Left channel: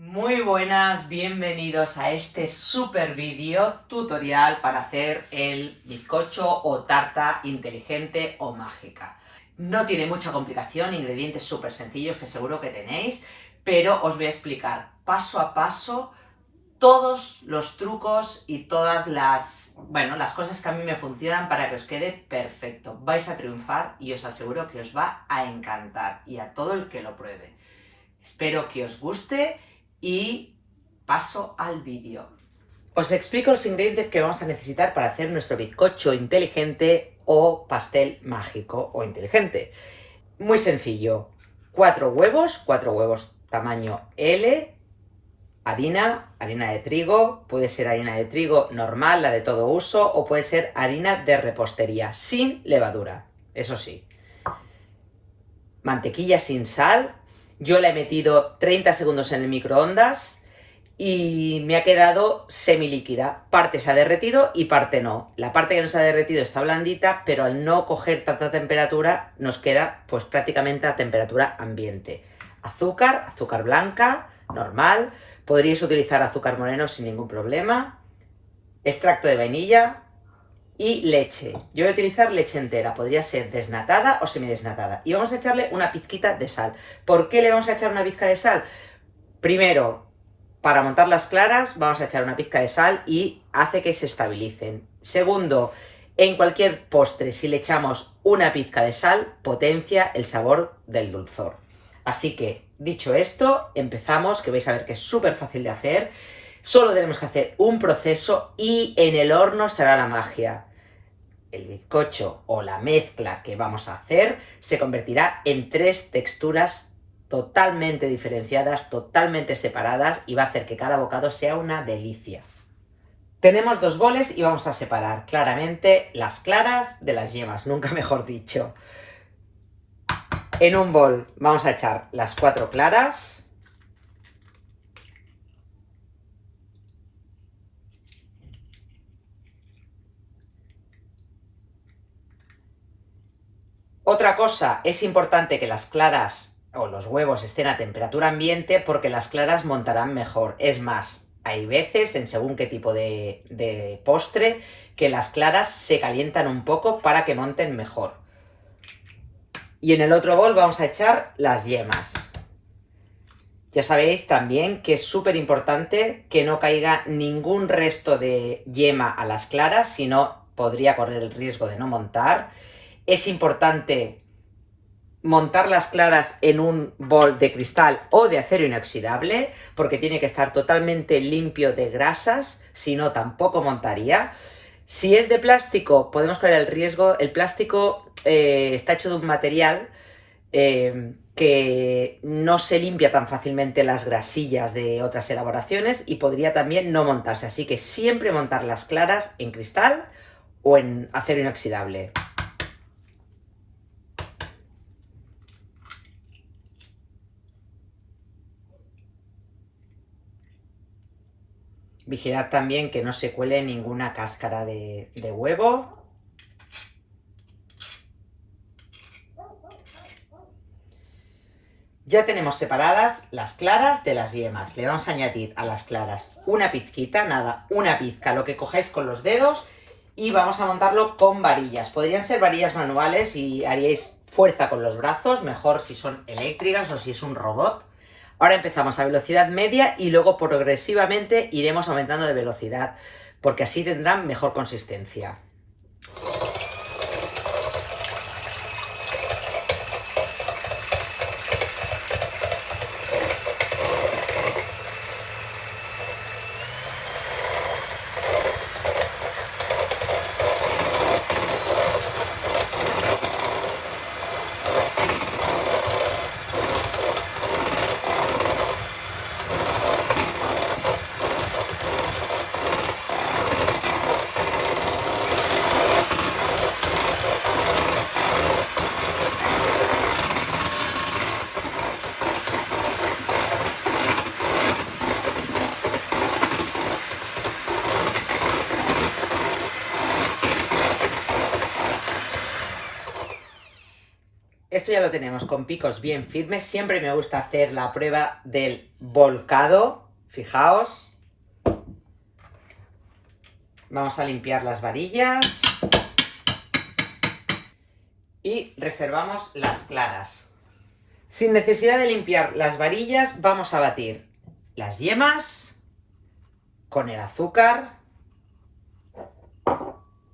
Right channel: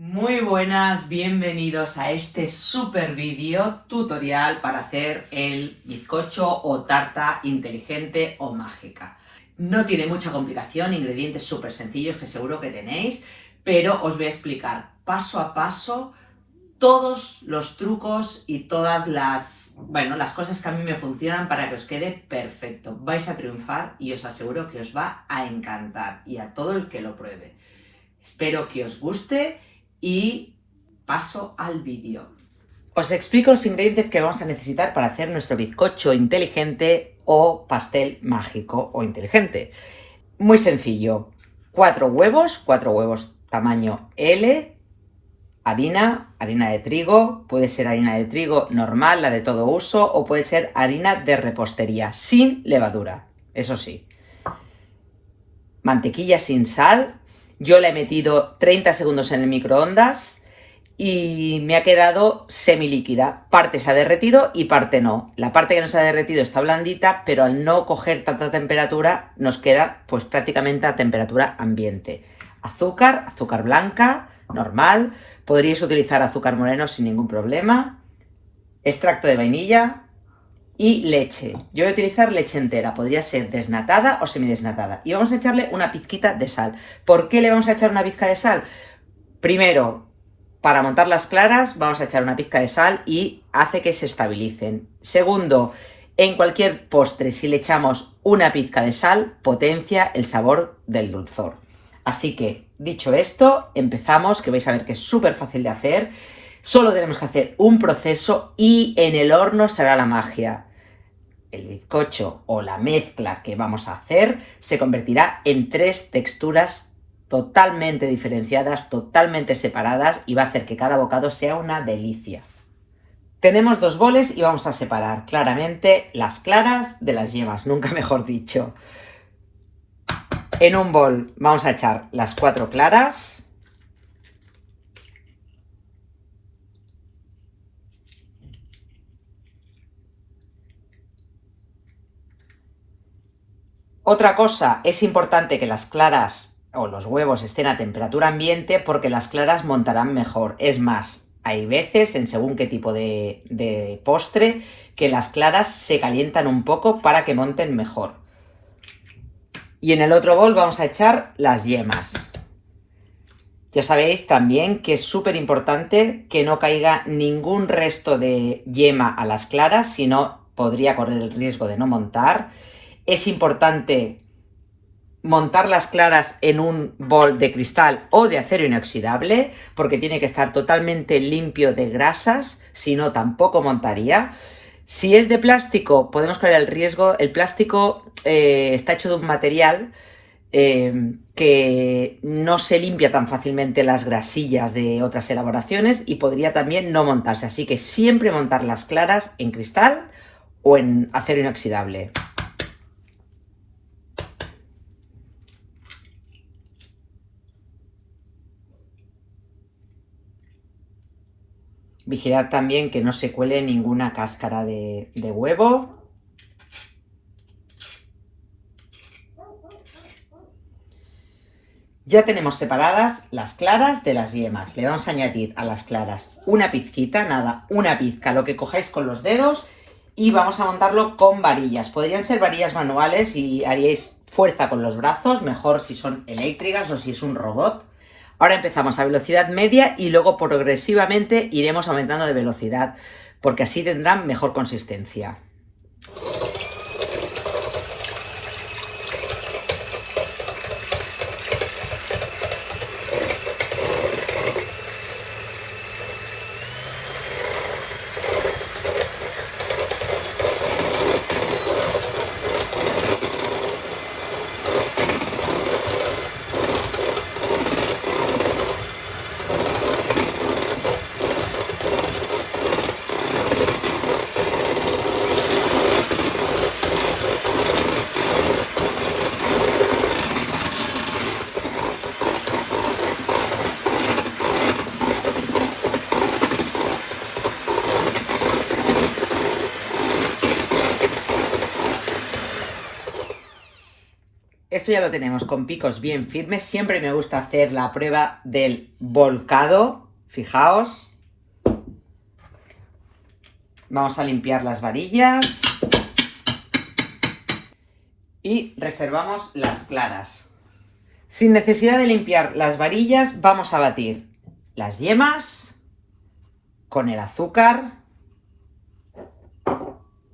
Muy buenas, bienvenidos a este super vídeo tutorial para hacer el bizcocho o tarta inteligente o mágica. No tiene mucha complicación, ingredientes súper sencillos que seguro que tenéis, pero os voy a explicar paso a paso todos los trucos y todas las cosas que a mí me funcionan para que os quede perfecto. Vais a triunfar y os aseguro que os va a encantar y a todo el que lo pruebe. Espero que os guste y paso al vídeo. Os explico los ingredientes que vamos a necesitar para hacer nuestro bizcocho inteligente o pastel mágico o inteligente. Muy sencillo. 4 huevos tamaño L, harina de trigo, puede ser harina de trigo normal, la de todo uso, o puede ser harina de repostería, sin levadura, eso sí. Mantequilla sin sal. Yo la he metido 30 segundos en el microondas y me ha quedado semilíquida. Parte se ha derretido y parte no. La parte que no se ha derretido está blandita, pero al no coger tanta temperatura nos queda pues prácticamente a temperatura ambiente. Azúcar blanca, normal. Podríais utilizar azúcar moreno sin ningún problema. Extracto de vainilla. Y leche. Yo voy a utilizar leche entera, podría ser desnatada o semidesnatada. Y vamos a echarle una pizquita de sal. ¿Por qué le vamos a echar una pizca de sal? Primero, para montar las claras vamos a echar una pizca de sal y hace que se estabilicen. Segundo, en cualquier postre si le echamos una pizca de sal, potencia el sabor del dulzor. Así que, dicho esto, empezamos, que vais a ver que es súper fácil de hacer. Solo tenemos que hacer un proceso y en el horno será la magia. El bizcocho o la mezcla que vamos a hacer se convertirá en 3 texturas totalmente diferenciadas, totalmente separadas y va a hacer que cada bocado sea una delicia. Tenemos 2 boles y vamos a separar claramente las claras de las yemas, nunca mejor dicho. En un bol vamos a echar las 4 claras. Otra cosa, es importante que las claras o los huevos estén a temperatura ambiente porque las claras montarán mejor. Es más, hay veces, en según qué tipo de postre, que las claras se calientan un poco para que monten mejor. Y en el otro bol vamos a echar las yemas. Ya sabéis también que es súper importante que no caiga ningún resto de yema a las claras, si no podría correr el riesgo de no montar. Es importante montar las claras en un bol de cristal o de acero inoxidable porque tiene que estar totalmente limpio de grasas, si no tampoco montaría. Si es de plástico podemos correr el riesgo, el plástico está hecho de un material que no se limpia tan fácilmente las grasillas de otras elaboraciones y podría también no montarse, así que siempre montar las claras en cristal o en acero inoxidable. Vigilad también que no se cuele ninguna cáscara de huevo. Ya tenemos separadas las claras de las yemas. Le vamos a añadir a las claras una pizquita, nada, una pizca, lo que cojáis con los dedos, y vamos a montarlo con varillas. Podrían ser varillas manuales y haríais fuerza con los brazos, mejor si son eléctricas o si es un robot. Ahora empezamos a velocidad media y luego progresivamente iremos aumentando de velocidad, porque así tendrán mejor consistencia. Esto ya lo tenemos con picos bien firmes. Siempre me gusta hacer la prueba del volcado. Fijaos. Vamos a limpiar las varillas. Y reservamos las claras. Sin necesidad de limpiar las varillas, vamos a batir las yemas con el azúcar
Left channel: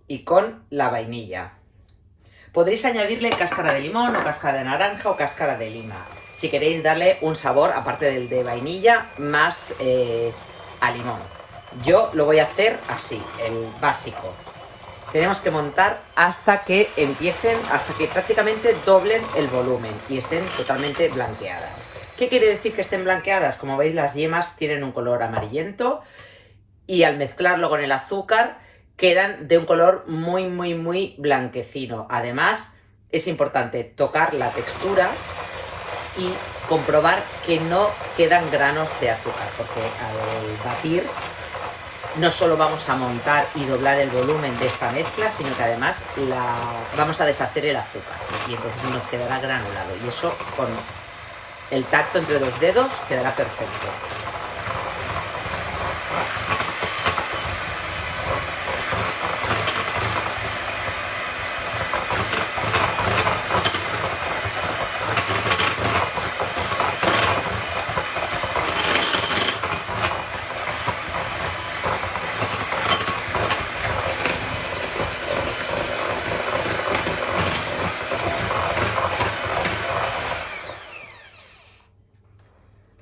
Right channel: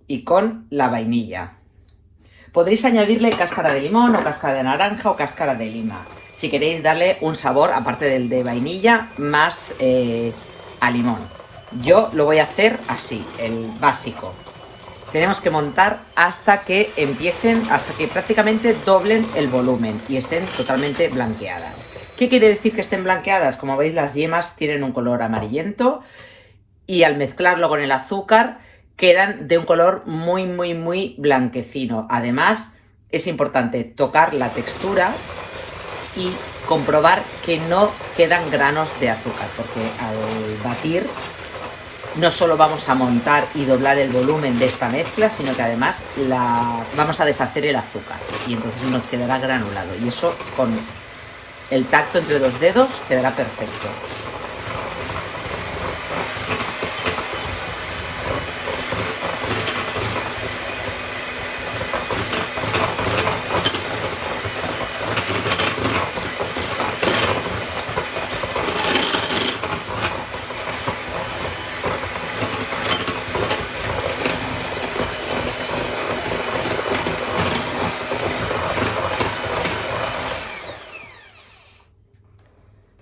y con la vainilla. Podréis añadirle cáscara de limón o cáscara de naranja o cáscara de lima, si queréis darle un sabor, aparte del de vainilla, más a limón. Yo lo voy a hacer así, el básico. Tenemos que montar hasta que empiecen, hasta que prácticamente doblen el volumen y estén totalmente blanqueadas. ¿Qué quiere decir que estén blanqueadas? Como veis, las yemas tienen un color amarillento y al mezclarlo con el azúcar quedan de un color muy blanquecino. Además, es importante tocar la textura y comprobar que no quedan granos de azúcar, porque al batir no solo vamos a montar y doblar el volumen de esta mezcla, sino que además vamos a deshacer el azúcar y entonces nos quedará granulado, y eso con el tacto entre los dedos quedará perfecto.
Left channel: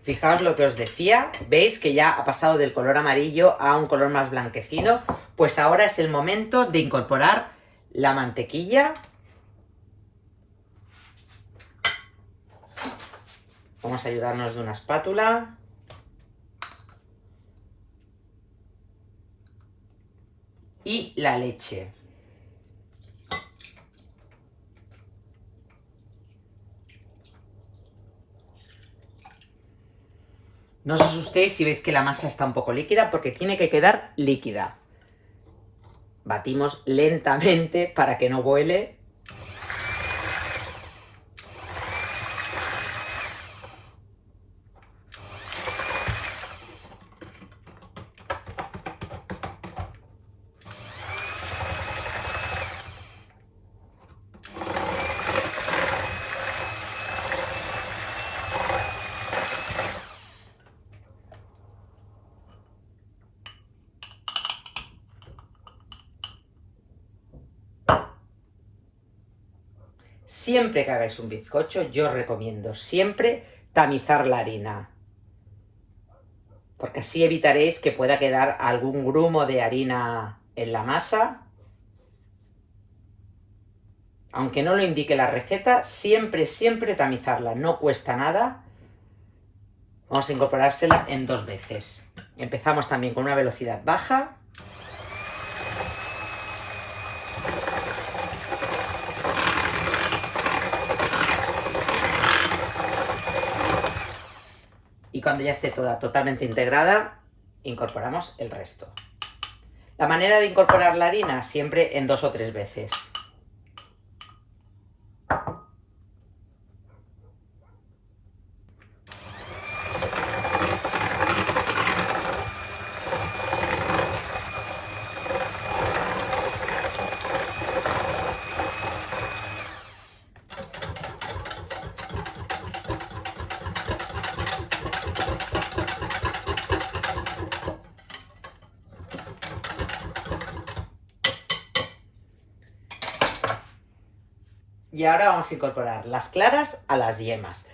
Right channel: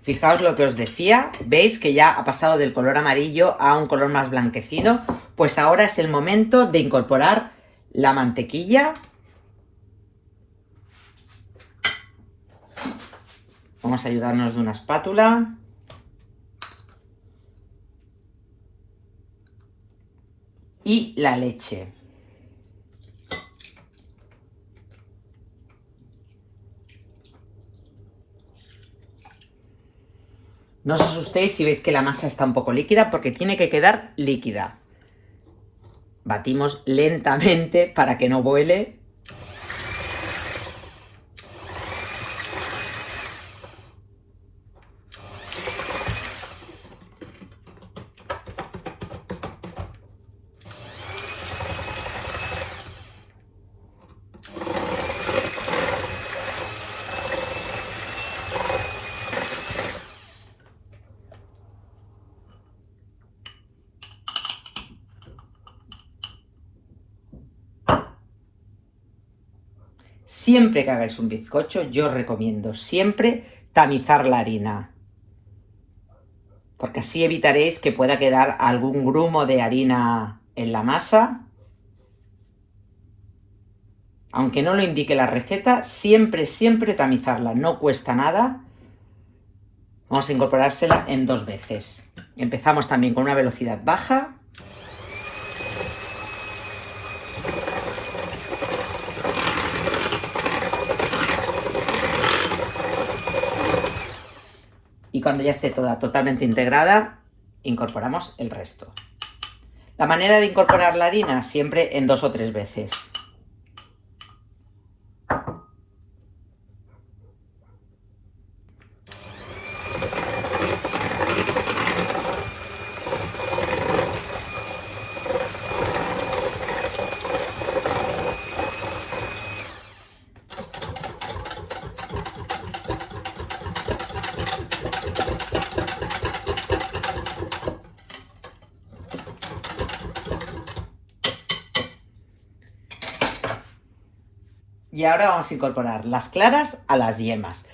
Fijaos lo que os decía, veis que ya ha pasado del color amarillo a un color más blanquecino. Pues ahora es el momento de incorporar la mantequilla. Vamos a ayudarnos de una espátula. Y la leche. No os asustéis si veis que la masa está un poco líquida, porque tiene que quedar líquida. Batimos lentamente para que no vuele. Siempre que hagáis un bizcocho, yo os recomiendo siempre tamizar la harina, porque así evitaréis que pueda quedar algún grumo de harina en la masa. Aunque no lo indique la receta, siempre tamizarla, no cuesta nada. Vamos a incorporársela en 2 veces. Empezamos también con una velocidad baja. Y cuando ya esté toda totalmente integrada, incorporamos el resto. La manera de incorporar la harina, siempre en 2 o 3 veces. Y ahora vamos a incorporar las claras a las yemas,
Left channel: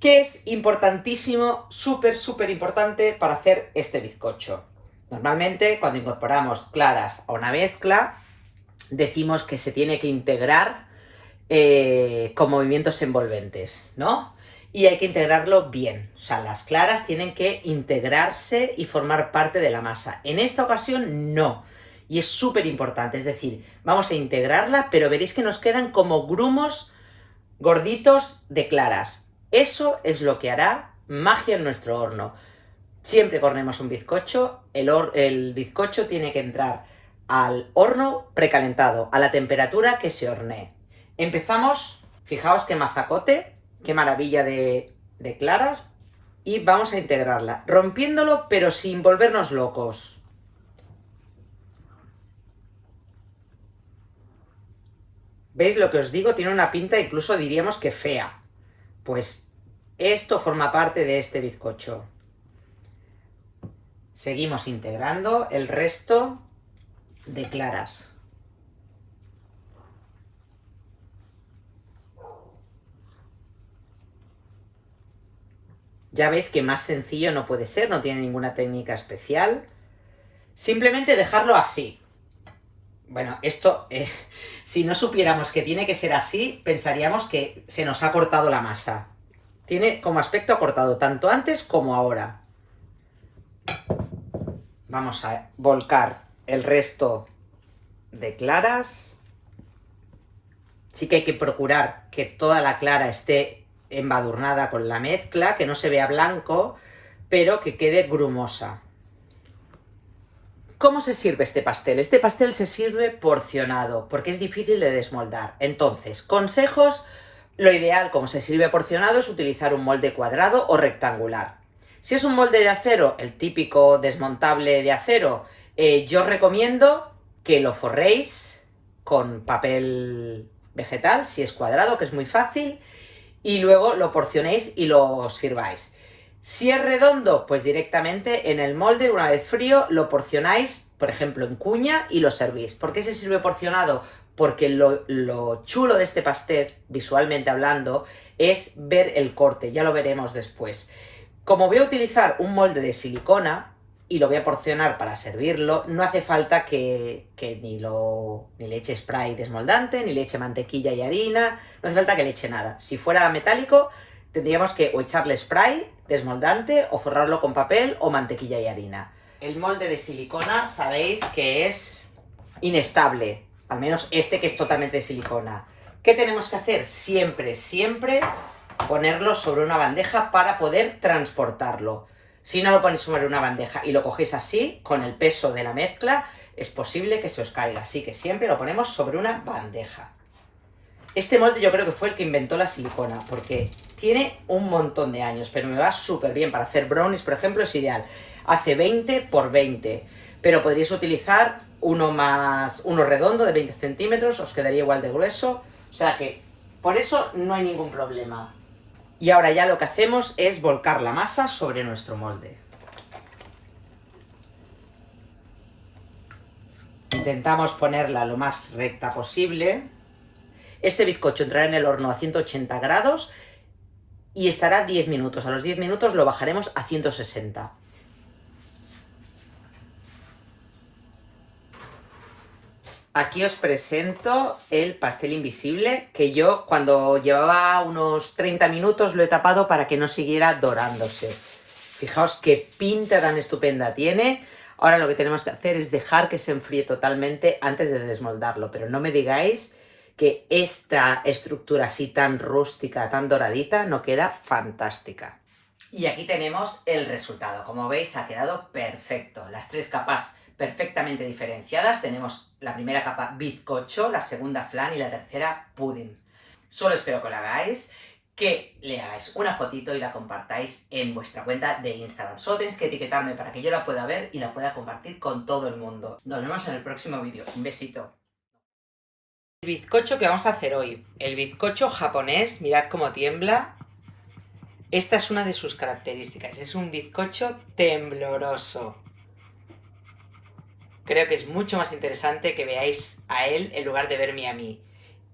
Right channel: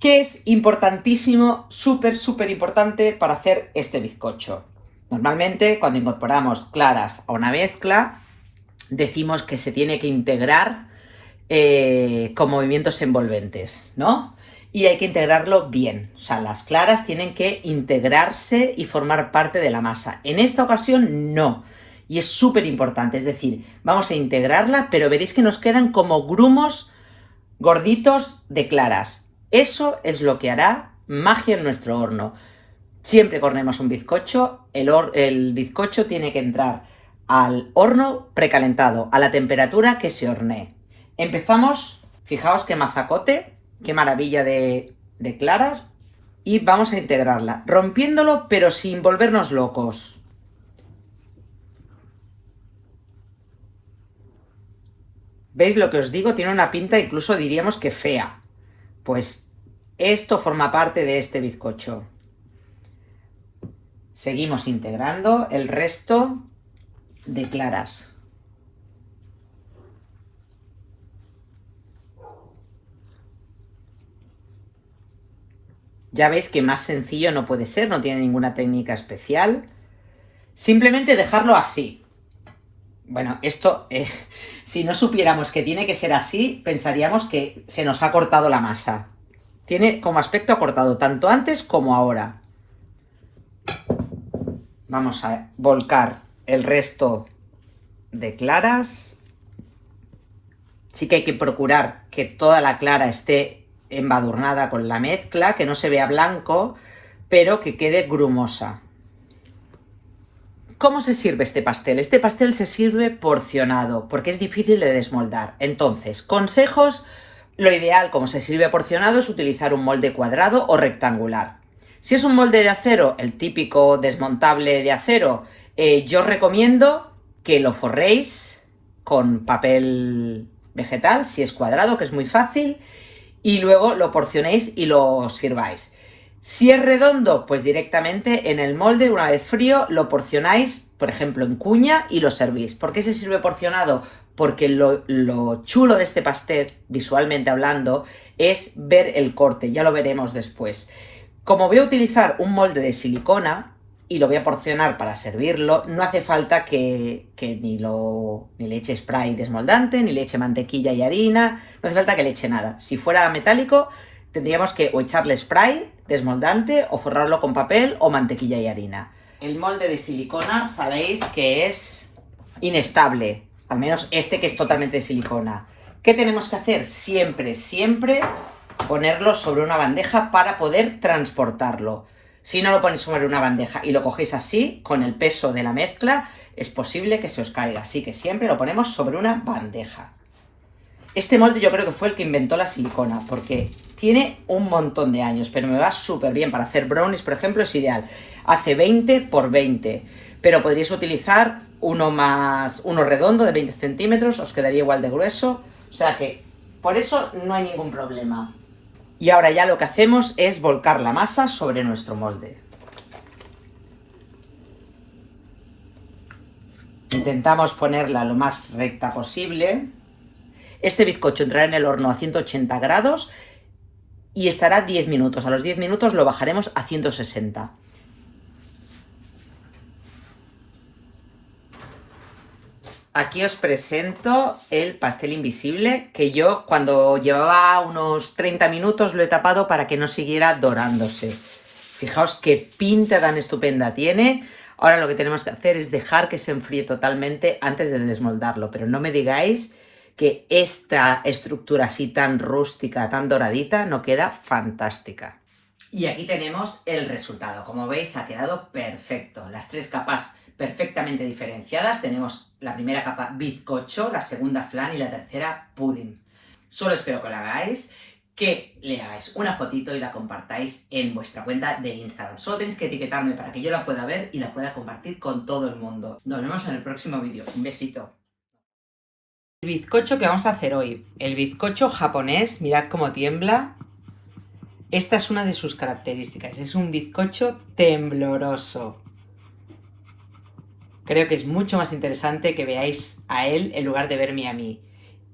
que es importantísimo, súper importante para hacer este bizcocho. Normalmente cuando incorporamos claras a una mezcla, decimos que se tiene que integrar con movimientos envolventes, ¿no? Y hay que integrarlo bien, o sea, las claras tienen que integrarse y formar parte de la masa. En esta ocasión no. Y es súper importante, es decir, vamos a integrarla, pero veréis que nos quedan como grumos gorditos de claras. Eso es lo que hará magia en nuestro horno. Siempre que horneemos un bizcocho, el bizcocho tiene que entrar al horno precalentado, a la temperatura que se hornee. Empezamos Fijaos qué mazacote, qué maravilla de claras. Y vamos a integrarla, rompiéndolo pero sin volvernos locos. ¿Veis lo que os digo? Tiene una pinta incluso diríamos que fea. Pues esto forma parte de este bizcocho. Seguimos integrando el resto de claras. Ya veis que más sencillo no puede ser, no tiene ninguna técnica especial. Simplemente dejarlo así. Bueno, esto, si no supiéramos que tiene que ser así, pensaríamos que se nos ha cortado la masa. Tiene como aspecto acortado, tanto antes como ahora. Vamos a volcar el resto de claras. Sí que hay que procurar que toda la clara esté embadurnada con la mezcla, que no se vea blanco, pero que quede grumosa. ¿Cómo se sirve este pastel? Este pastel se sirve porcionado, porque es difícil de desmoldar. Entonces, consejos, lo ideal como se sirve porcionado es utilizar un molde cuadrado o rectangular. Si es un molde de acero, el típico desmontable de acero, yo os recomiendo que lo forréis con papel vegetal, si es cuadrado, que es muy fácil, y luego lo porcionéis y lo sirváis. Si es redondo, pues directamente en el molde, una vez frío, lo porcionáis, por ejemplo, en cuña y lo servís. ¿Por qué se sirve porcionado? Porque lo chulo de este pastel, visualmente hablando, es ver el corte, ya lo veremos después. Como voy a utilizar un molde de silicona y lo voy a porcionar para servirlo, no hace falta que ni le eche spray desmoldante, ni le eche mantequilla y harina, no hace falta que le eche nada. Si fuera metálico, tendríamos que o echarle spray desmoldante o forrarlo con papel o mantequilla y harina. El molde de silicona sabéis que es inestable, al menos este que es totalmente de silicona. ¿Qué tenemos que hacer? Siempre, siempre ponerlo sobre una bandeja para poder transportarlo. Si no lo ponéis sobre una bandeja y lo cogéis así, con el peso de la mezcla, es posible que se os caiga. Así que siempre lo ponemos sobre una bandeja. Este molde yo creo que fue el que inventó la silicona, porque tiene un montón de años, pero me va súper bien. Para hacer brownies, por ejemplo, es ideal. Hace 20 por 20, pero podríais utilizar uno redondo de 20 centímetros, os quedaría igual de grueso. O sea que, por eso no hay ningún problema. Y ahora ya lo que hacemos es volcar la masa sobre nuestro molde. Intentamos ponerla lo más recta posible. Este bizcocho entrará en el horno a 180 grados y estará 10 minutos. A los 10 minutos lo bajaremos a 160. Aquí os presento el pastel invisible, que yo cuando llevaba unos 30 minutos lo he tapado para que no siguiera dorándose. Fijaos qué pinta tan estupenda tiene. Ahora lo que tenemos que hacer es dejar que se enfríe totalmente antes de desmoldarlo, pero no me digáis que esta estructura así tan rústica, tan doradita, no queda fantástica. Y aquí tenemos el resultado. Como veis, ha quedado perfecto. Las tres capas perfectamente diferenciadas. Tenemos la primera capa bizcocho, la segunda flan y la tercera pudding. Solo espero que lo hagáis, que le hagáis una fotito y la compartáis en vuestra cuenta de Instagram. Solo tenéis que etiquetarme para que yo la pueda ver y la pueda compartir con todo el mundo. Nos vemos en el próximo vídeo. Un besito. El bizcocho que vamos a hacer hoy. El bizcocho japonés, mirad cómo tiembla. Esta es una de sus características. Es un bizcocho tembloroso. Creo que es mucho más interesante que veáis a él en lugar de verme a mí.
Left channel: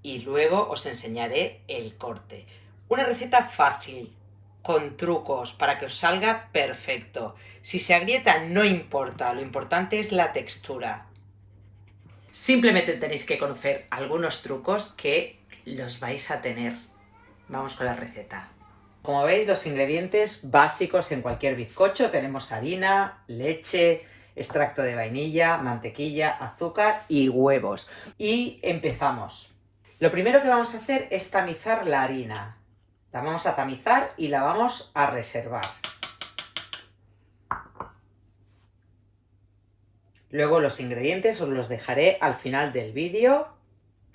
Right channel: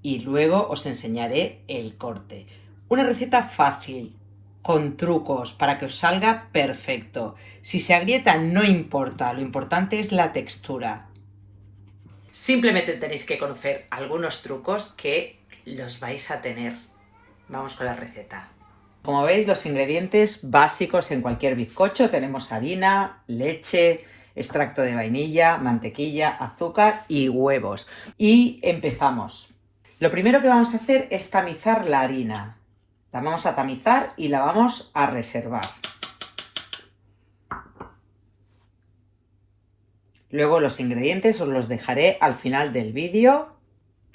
Y luego os enseñaré el corte. Una receta fácil, con trucos, para que os salga perfecto. Si se agrieta no importa, lo importante es la textura. Simplemente tenéis que conocer algunos trucos que los vais a tener. Vamos con la receta. Como veis, los ingredientes básicos en cualquier bizcocho tenemos harina, leche, extracto de vainilla, mantequilla, azúcar y huevos. Y empezamos. Lo primero que vamos a hacer es tamizar la harina. La vamos a tamizar y la vamos a reservar. Luego los ingredientes os los dejaré al final del vídeo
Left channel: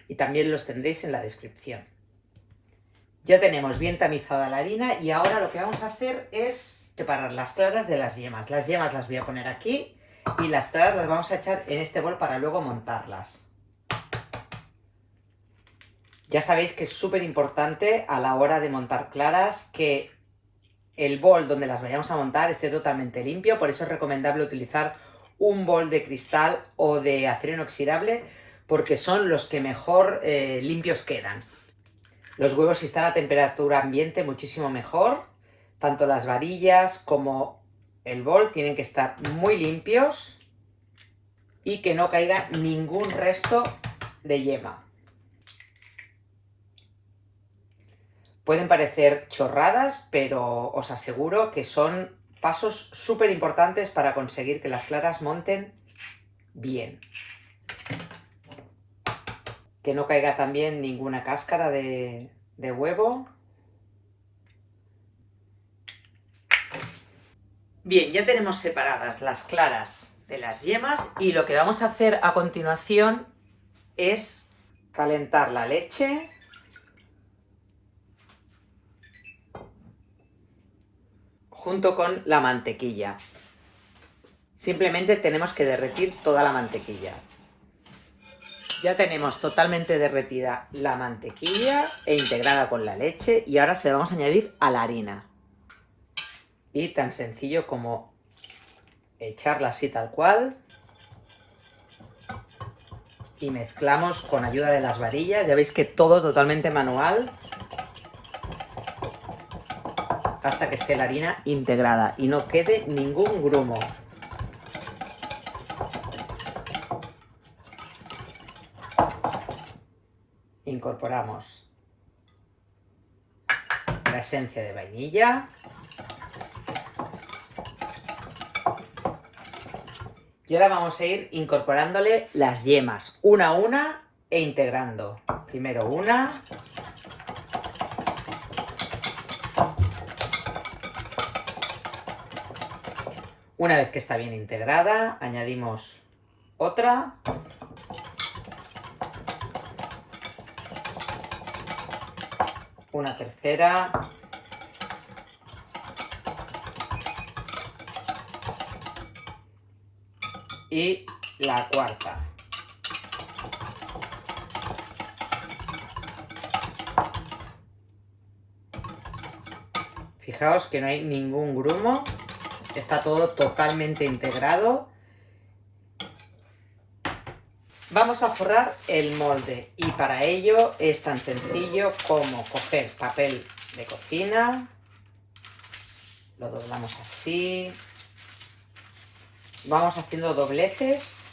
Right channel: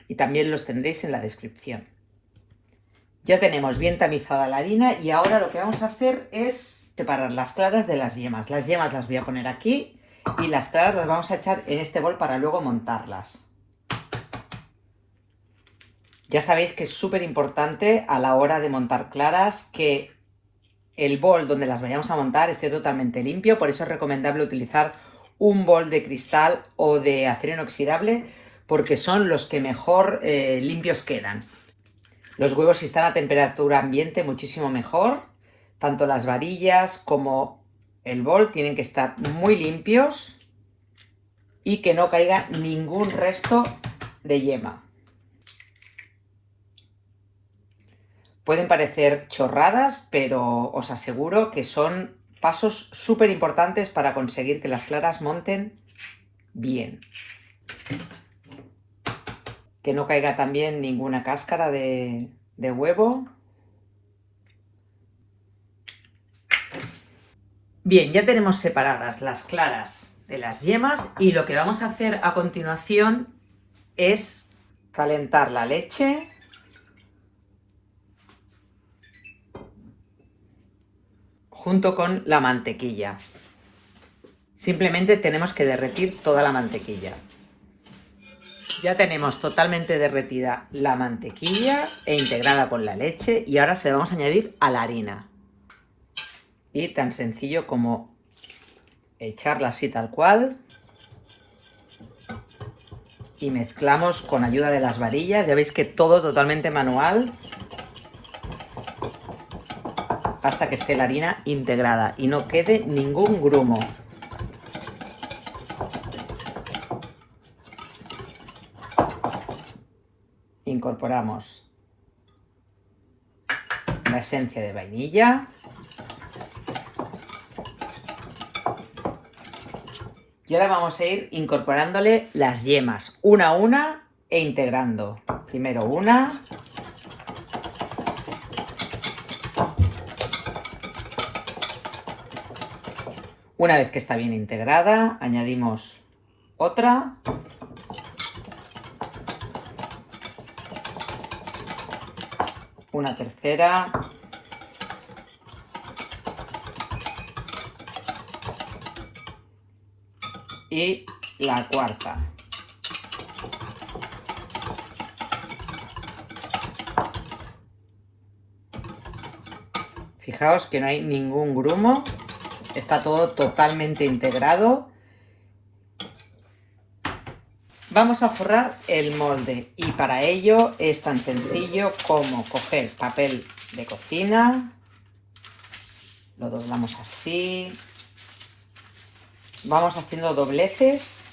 y también los tendréis en la descripción. Ya tenemos bien tamizada la harina y ahora lo que vamos a hacer es separar las claras de las yemas. Las yemas las voy a poner aquí y las claras las vamos a echar en este bol para luego montarlas. Ya sabéis que es súper importante a la hora de montar claras que el bol donde las vayamos a montar esté totalmente limpio, por eso es recomendable utilizar un bol de cristal o de acero inoxidable porque son los que mejor limpios quedan. Los huevos, si están a temperatura ambiente, muchísimo mejor. Tanto las varillas como el bol tienen que estar muy limpios y que no caiga ningún resto de yema. Pueden parecer chorradas, pero os aseguro que son pasos súper importantes para conseguir que las claras monten bien. Que no caiga también ninguna cáscara de huevo. Bien, ya tenemos separadas las claras de las yemas y lo que vamos a hacer a continuación es calentar la leche junto con la mantequilla. Simplemente tenemos que derretir toda la mantequilla. Ya tenemos totalmente derretida la mantequilla e integrada con la leche y ahora se la vamos a añadir a la harina. Y tan sencillo como echarla así tal cual y mezclamos con ayuda de las varillas. Ya veis que todo totalmente manual hasta que esté la harina integrada y no quede ningún grumo. Incorporamos la esencia de vainilla y ahora vamos a ir incorporándole las yemas una a una e integrando. Primero una, una vez que está bien integrada añadimos otra. Una tercera. Y la cuarta. Fijaos que no hay ningún grumo. Está todo totalmente integrado. Vamos a forrar el molde y para ello es tan sencillo como coger papel de cocina, lo doblamos así, vamos haciendo dobleces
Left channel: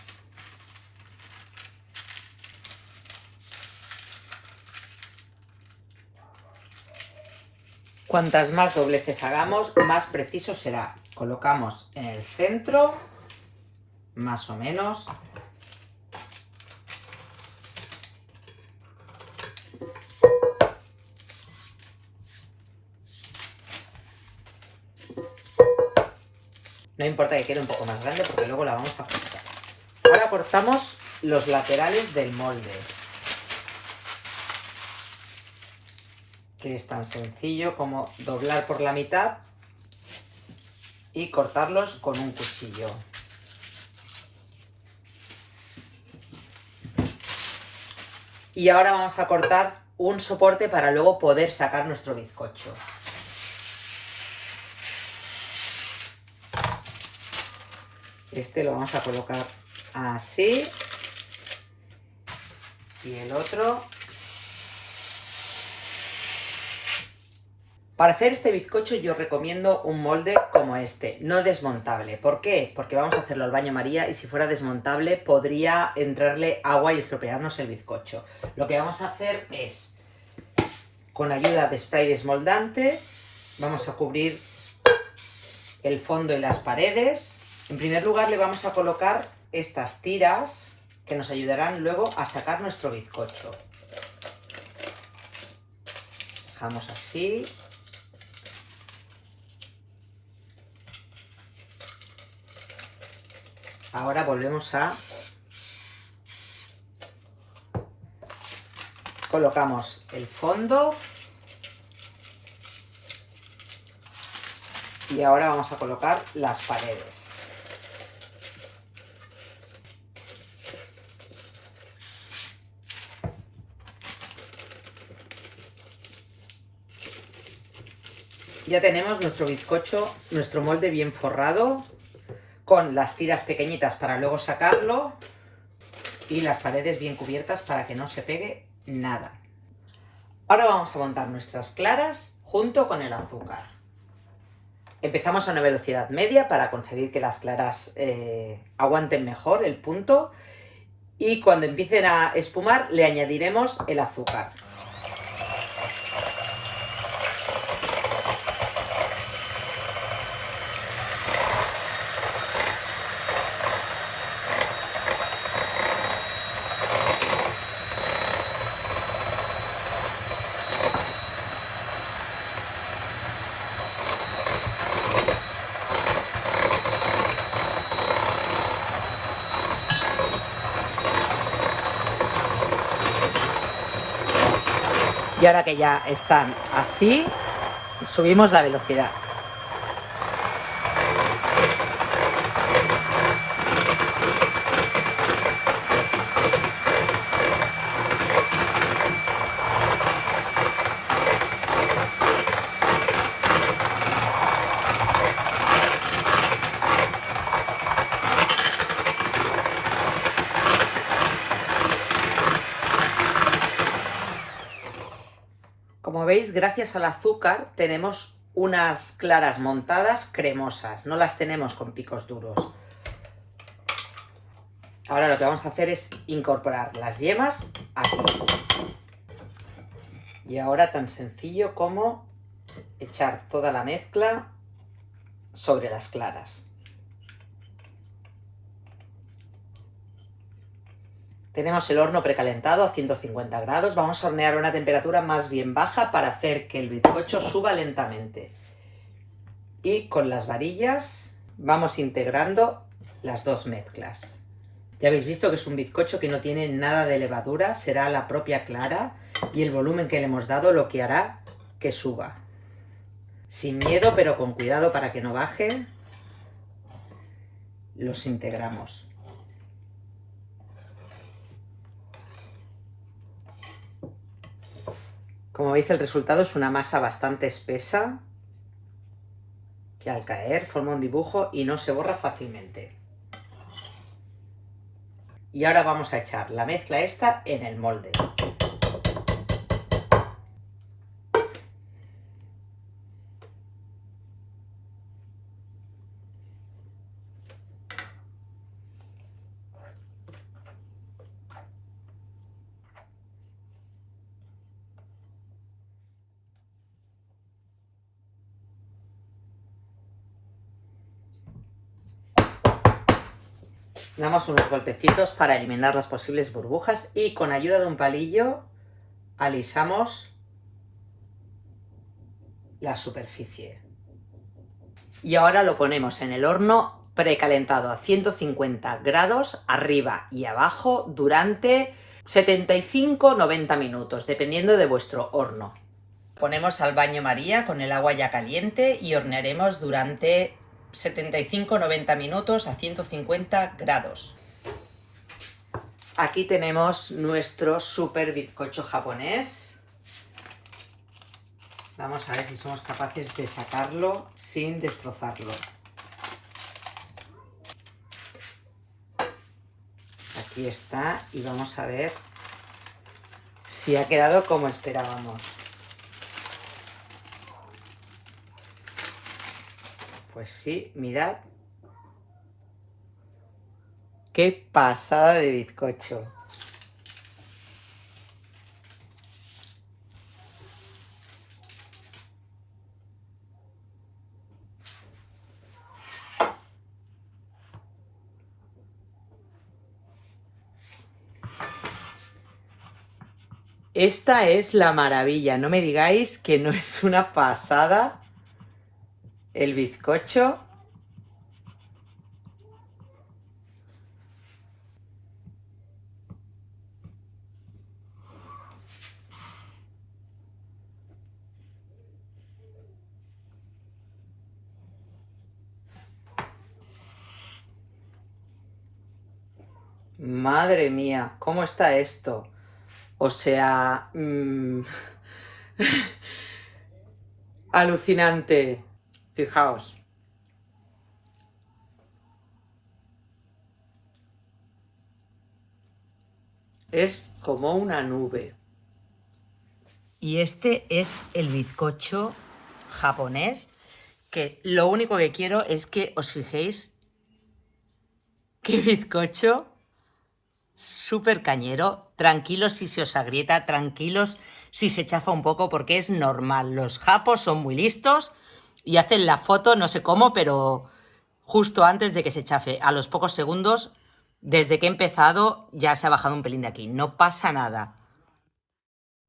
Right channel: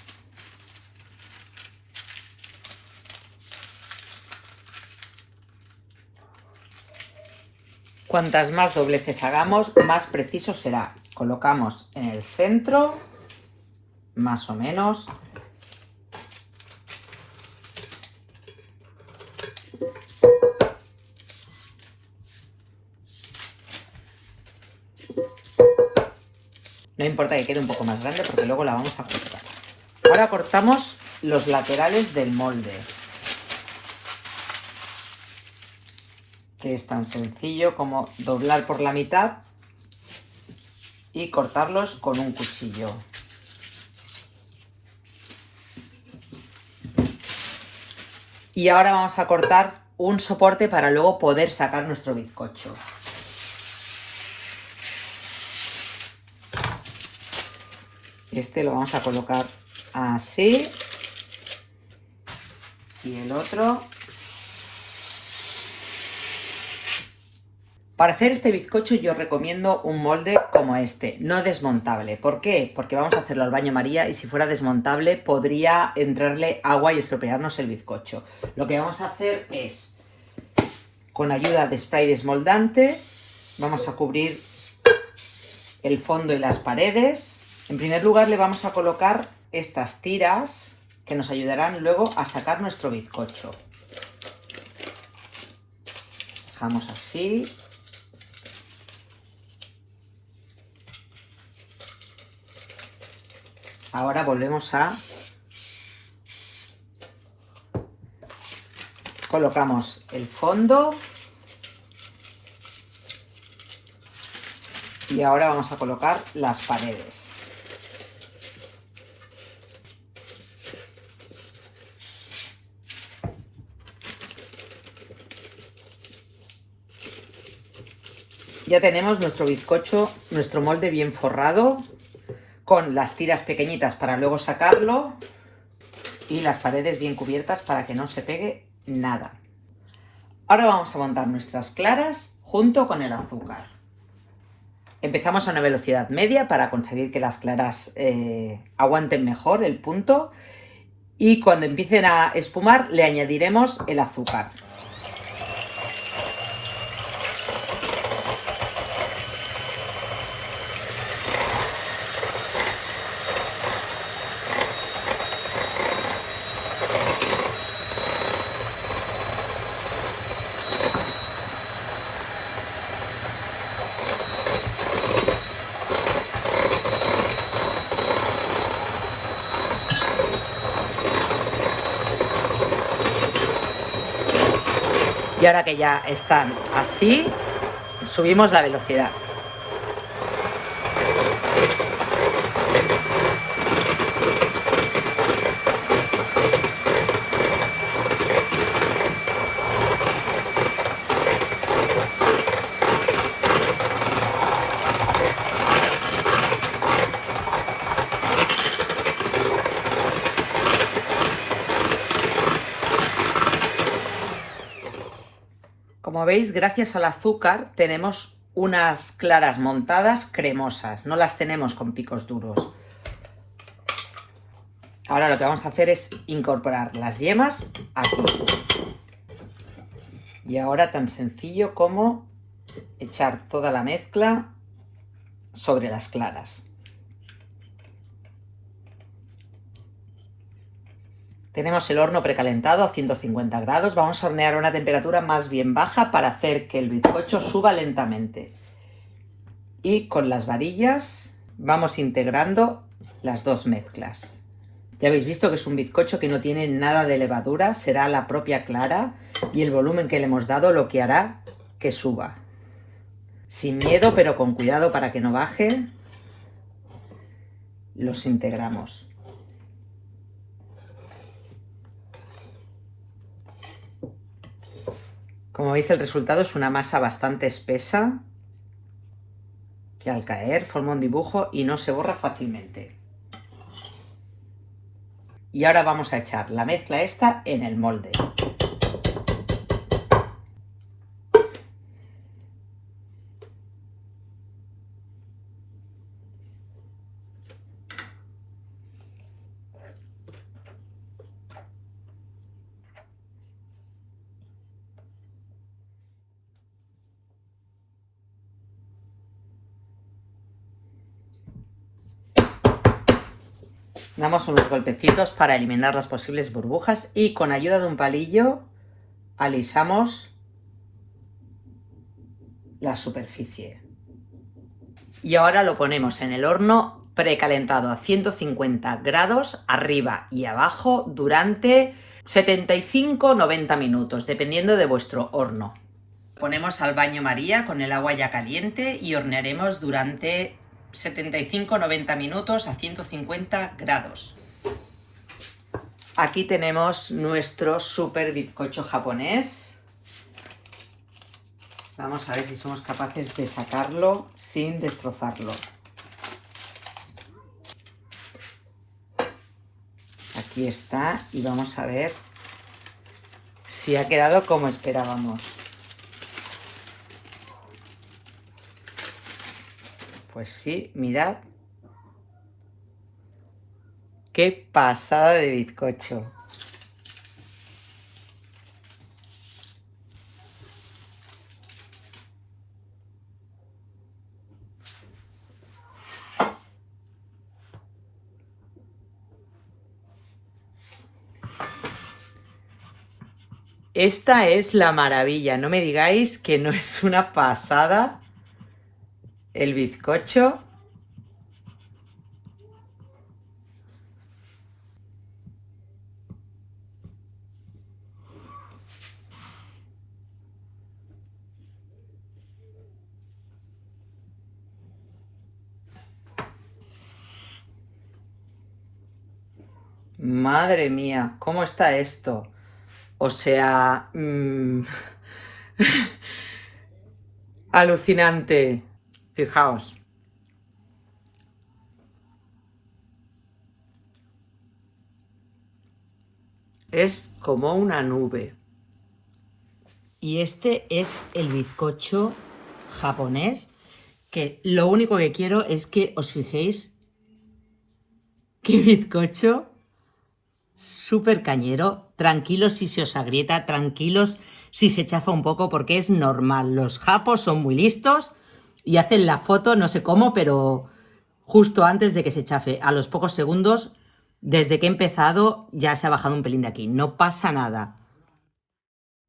cuantas más dobleces hagamos, más preciso será. Colocamos en el centro, más o menos. No importa que quede un poco más grande porque luego la vamos a cortar. Ahora cortamos los laterales del molde, que es tan sencillo como doblar por la mitad y cortarlos con un cuchillo. Y ahora vamos a cortar un soporte para luego poder sacar nuestro bizcocho. Este lo vamos a colocar así y el otro. Para hacer este bizcocho yo recomiendo un molde como este, no desmontable. ¿Por qué? Porque vamos a hacerlo al baño María y si fuera desmontable podría entrarle agua y estropearnos el bizcocho. Lo que vamos a hacer es, con ayuda de spray desmoldante, vamos a cubrir el fondo y las paredes. En primer lugar le vamos a colocar estas tiras que nos ayudarán luego a sacar nuestro bizcocho. Dejamos así. Ahora volvemos a colocamos el fondo Y ahora vamos a colocar las paredes. Ya tenemos nuestro bizcocho, nuestro molde bien forrado, con las tiras pequeñitas para luego sacarlo y las paredes bien cubiertas para que no se pegue nada. Ahora vamos a montar nuestras claras junto con el azúcar. Empezamos a una velocidad media para conseguir que las claras aguanten mejor el punto, y cuando empiecen a espumar le añadiremos el azúcar. Y ahora que ya están así, subimos la velocidad. Como veis, gracias al azúcar tenemos unas claras montadas cremosas, no las tenemos con picos duros. Ahora lo que vamos a hacer es incorporar las yemas aquí. Y ahora tan sencillo como echar toda la mezcla sobre las claras. Tenemos el horno precalentado a 150 grados. Vamos a hornear a una temperatura más bien baja para hacer que el bizcocho suba lentamente. Y con las varillas vamos integrando las dos mezclas. Ya habéis visto que es un bizcocho que no tiene nada de levadura, será la propia clara y el volumen que le hemos dado lo que hará que suba. Sin miedo, pero con cuidado para que no bajen, los integramos. Como veis, el resultado es una masa bastante espesa que al caer forma un dibujo y no se borra fácilmente. Y ahora vamos a echar la mezcla esta en el molde. Damos unos golpecitos para eliminar las posibles burbujas y con ayuda de un palillo alisamos la superficie. Y ahora lo ponemos en el horno precalentado a 150 grados arriba y abajo durante 75-90 minutos, dependiendo de vuestro horno. Ponemos al baño María con el agua ya caliente y hornearemos durante 75-90 minutos a 150 grados. Aquí tenemos nuestro super bizcocho japonés. Vamos a ver si somos capaces de sacarlo sin destrozarlo. Aquí está y vamos a ver si ha quedado como esperábamos. Pues sí, mirad. ¡Qué pasada de bizcocho! Esta es la maravilla, no me digáis que no es una pasada el bizcocho. Madre mía, ¿cómo está esto? O sea, alucinante. Fijaos. Es como una nube. Y este es el bizcocho japonés, que lo único que quiero es que os fijéis qué bizcocho súper cañero. Tranquilos si se os agrieta, tranquilos si se chafa un poco, porque es normal. Los japos son muy listos y hacen la foto, no sé cómo, pero justo antes de que se chafe, a los pocos segundos, desde que he empezado, ya se ha bajado un pelín de aquí. No pasa nada.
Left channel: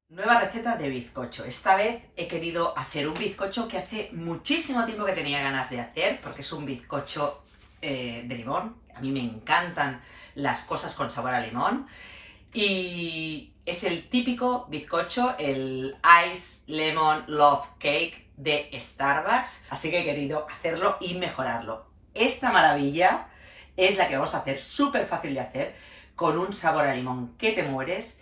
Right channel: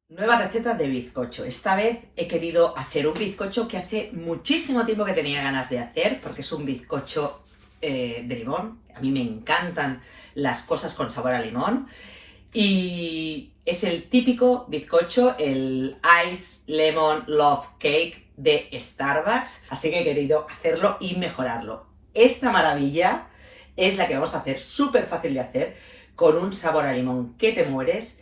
Nueva receta de bizcocho. Esta vez he querido hacer un bizcocho que hace muchísimo tiempo que tenía ganas de hacer, porque es un bizcocho de limón. A mí me encantan las cosas con sabor a limón. Y es el típico bizcocho, el Ice Lemon Love Cake de Starbucks. Así que he querido hacerlo y mejorarlo. Esta maravilla es la que vamos a hacer, súper fácil de hacer, con un sabor a limón que te mueres.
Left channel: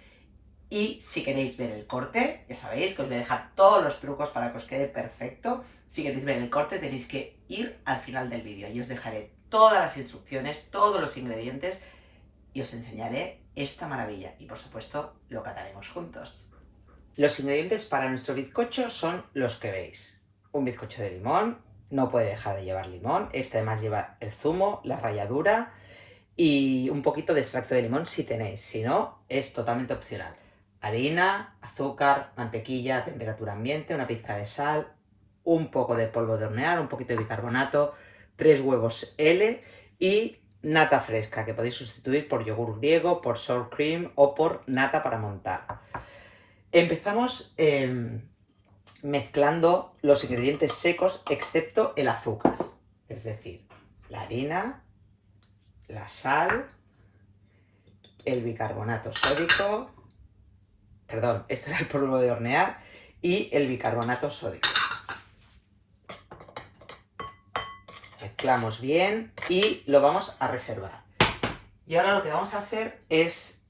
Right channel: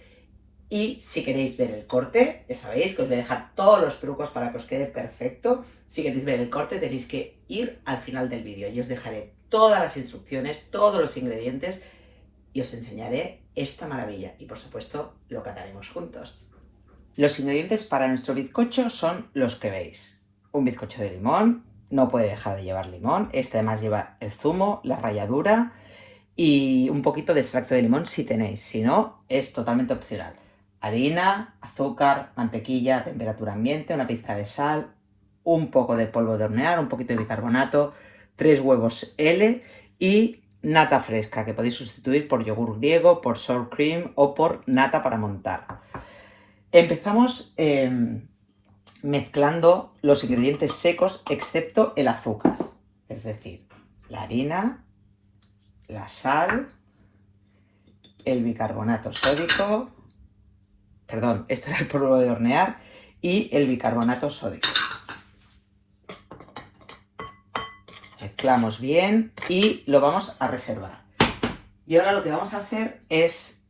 Y si queréis ver el corte, ya sabéis que os voy a dejar todos los trucos para que os quede perfecto. Si queréis ver el corte tenéis que ir al final del vídeo y os dejaré todas las instrucciones, todos los ingredientes y os enseñaré esta maravilla. Y por supuesto lo cataremos juntos. Los ingredientes para nuestro bizcocho son los que veis. Un bizcocho de limón, no puede dejar de llevar limón. Este además lleva el zumo, la ralladura y un poquito de extracto de limón si tenéis. Si no, es totalmente opcional. Harina, azúcar, mantequilla a temperatura ambiente, una pizca de sal, un poco de polvo de hornear, un poquito de bicarbonato, 3 huevos L y nata fresca, que podéis sustituir por yogur griego, por sour cream o por nata para montar. Empezamos mezclando los ingredientes secos excepto el azúcar, es decir, la harina, la sal, el bicarbonato sódico, perdón, esto era el polvo de hornear, y el bicarbonato sódico. Mezclamos bien y lo vamos a reservar. Y ahora lo que vamos a hacer es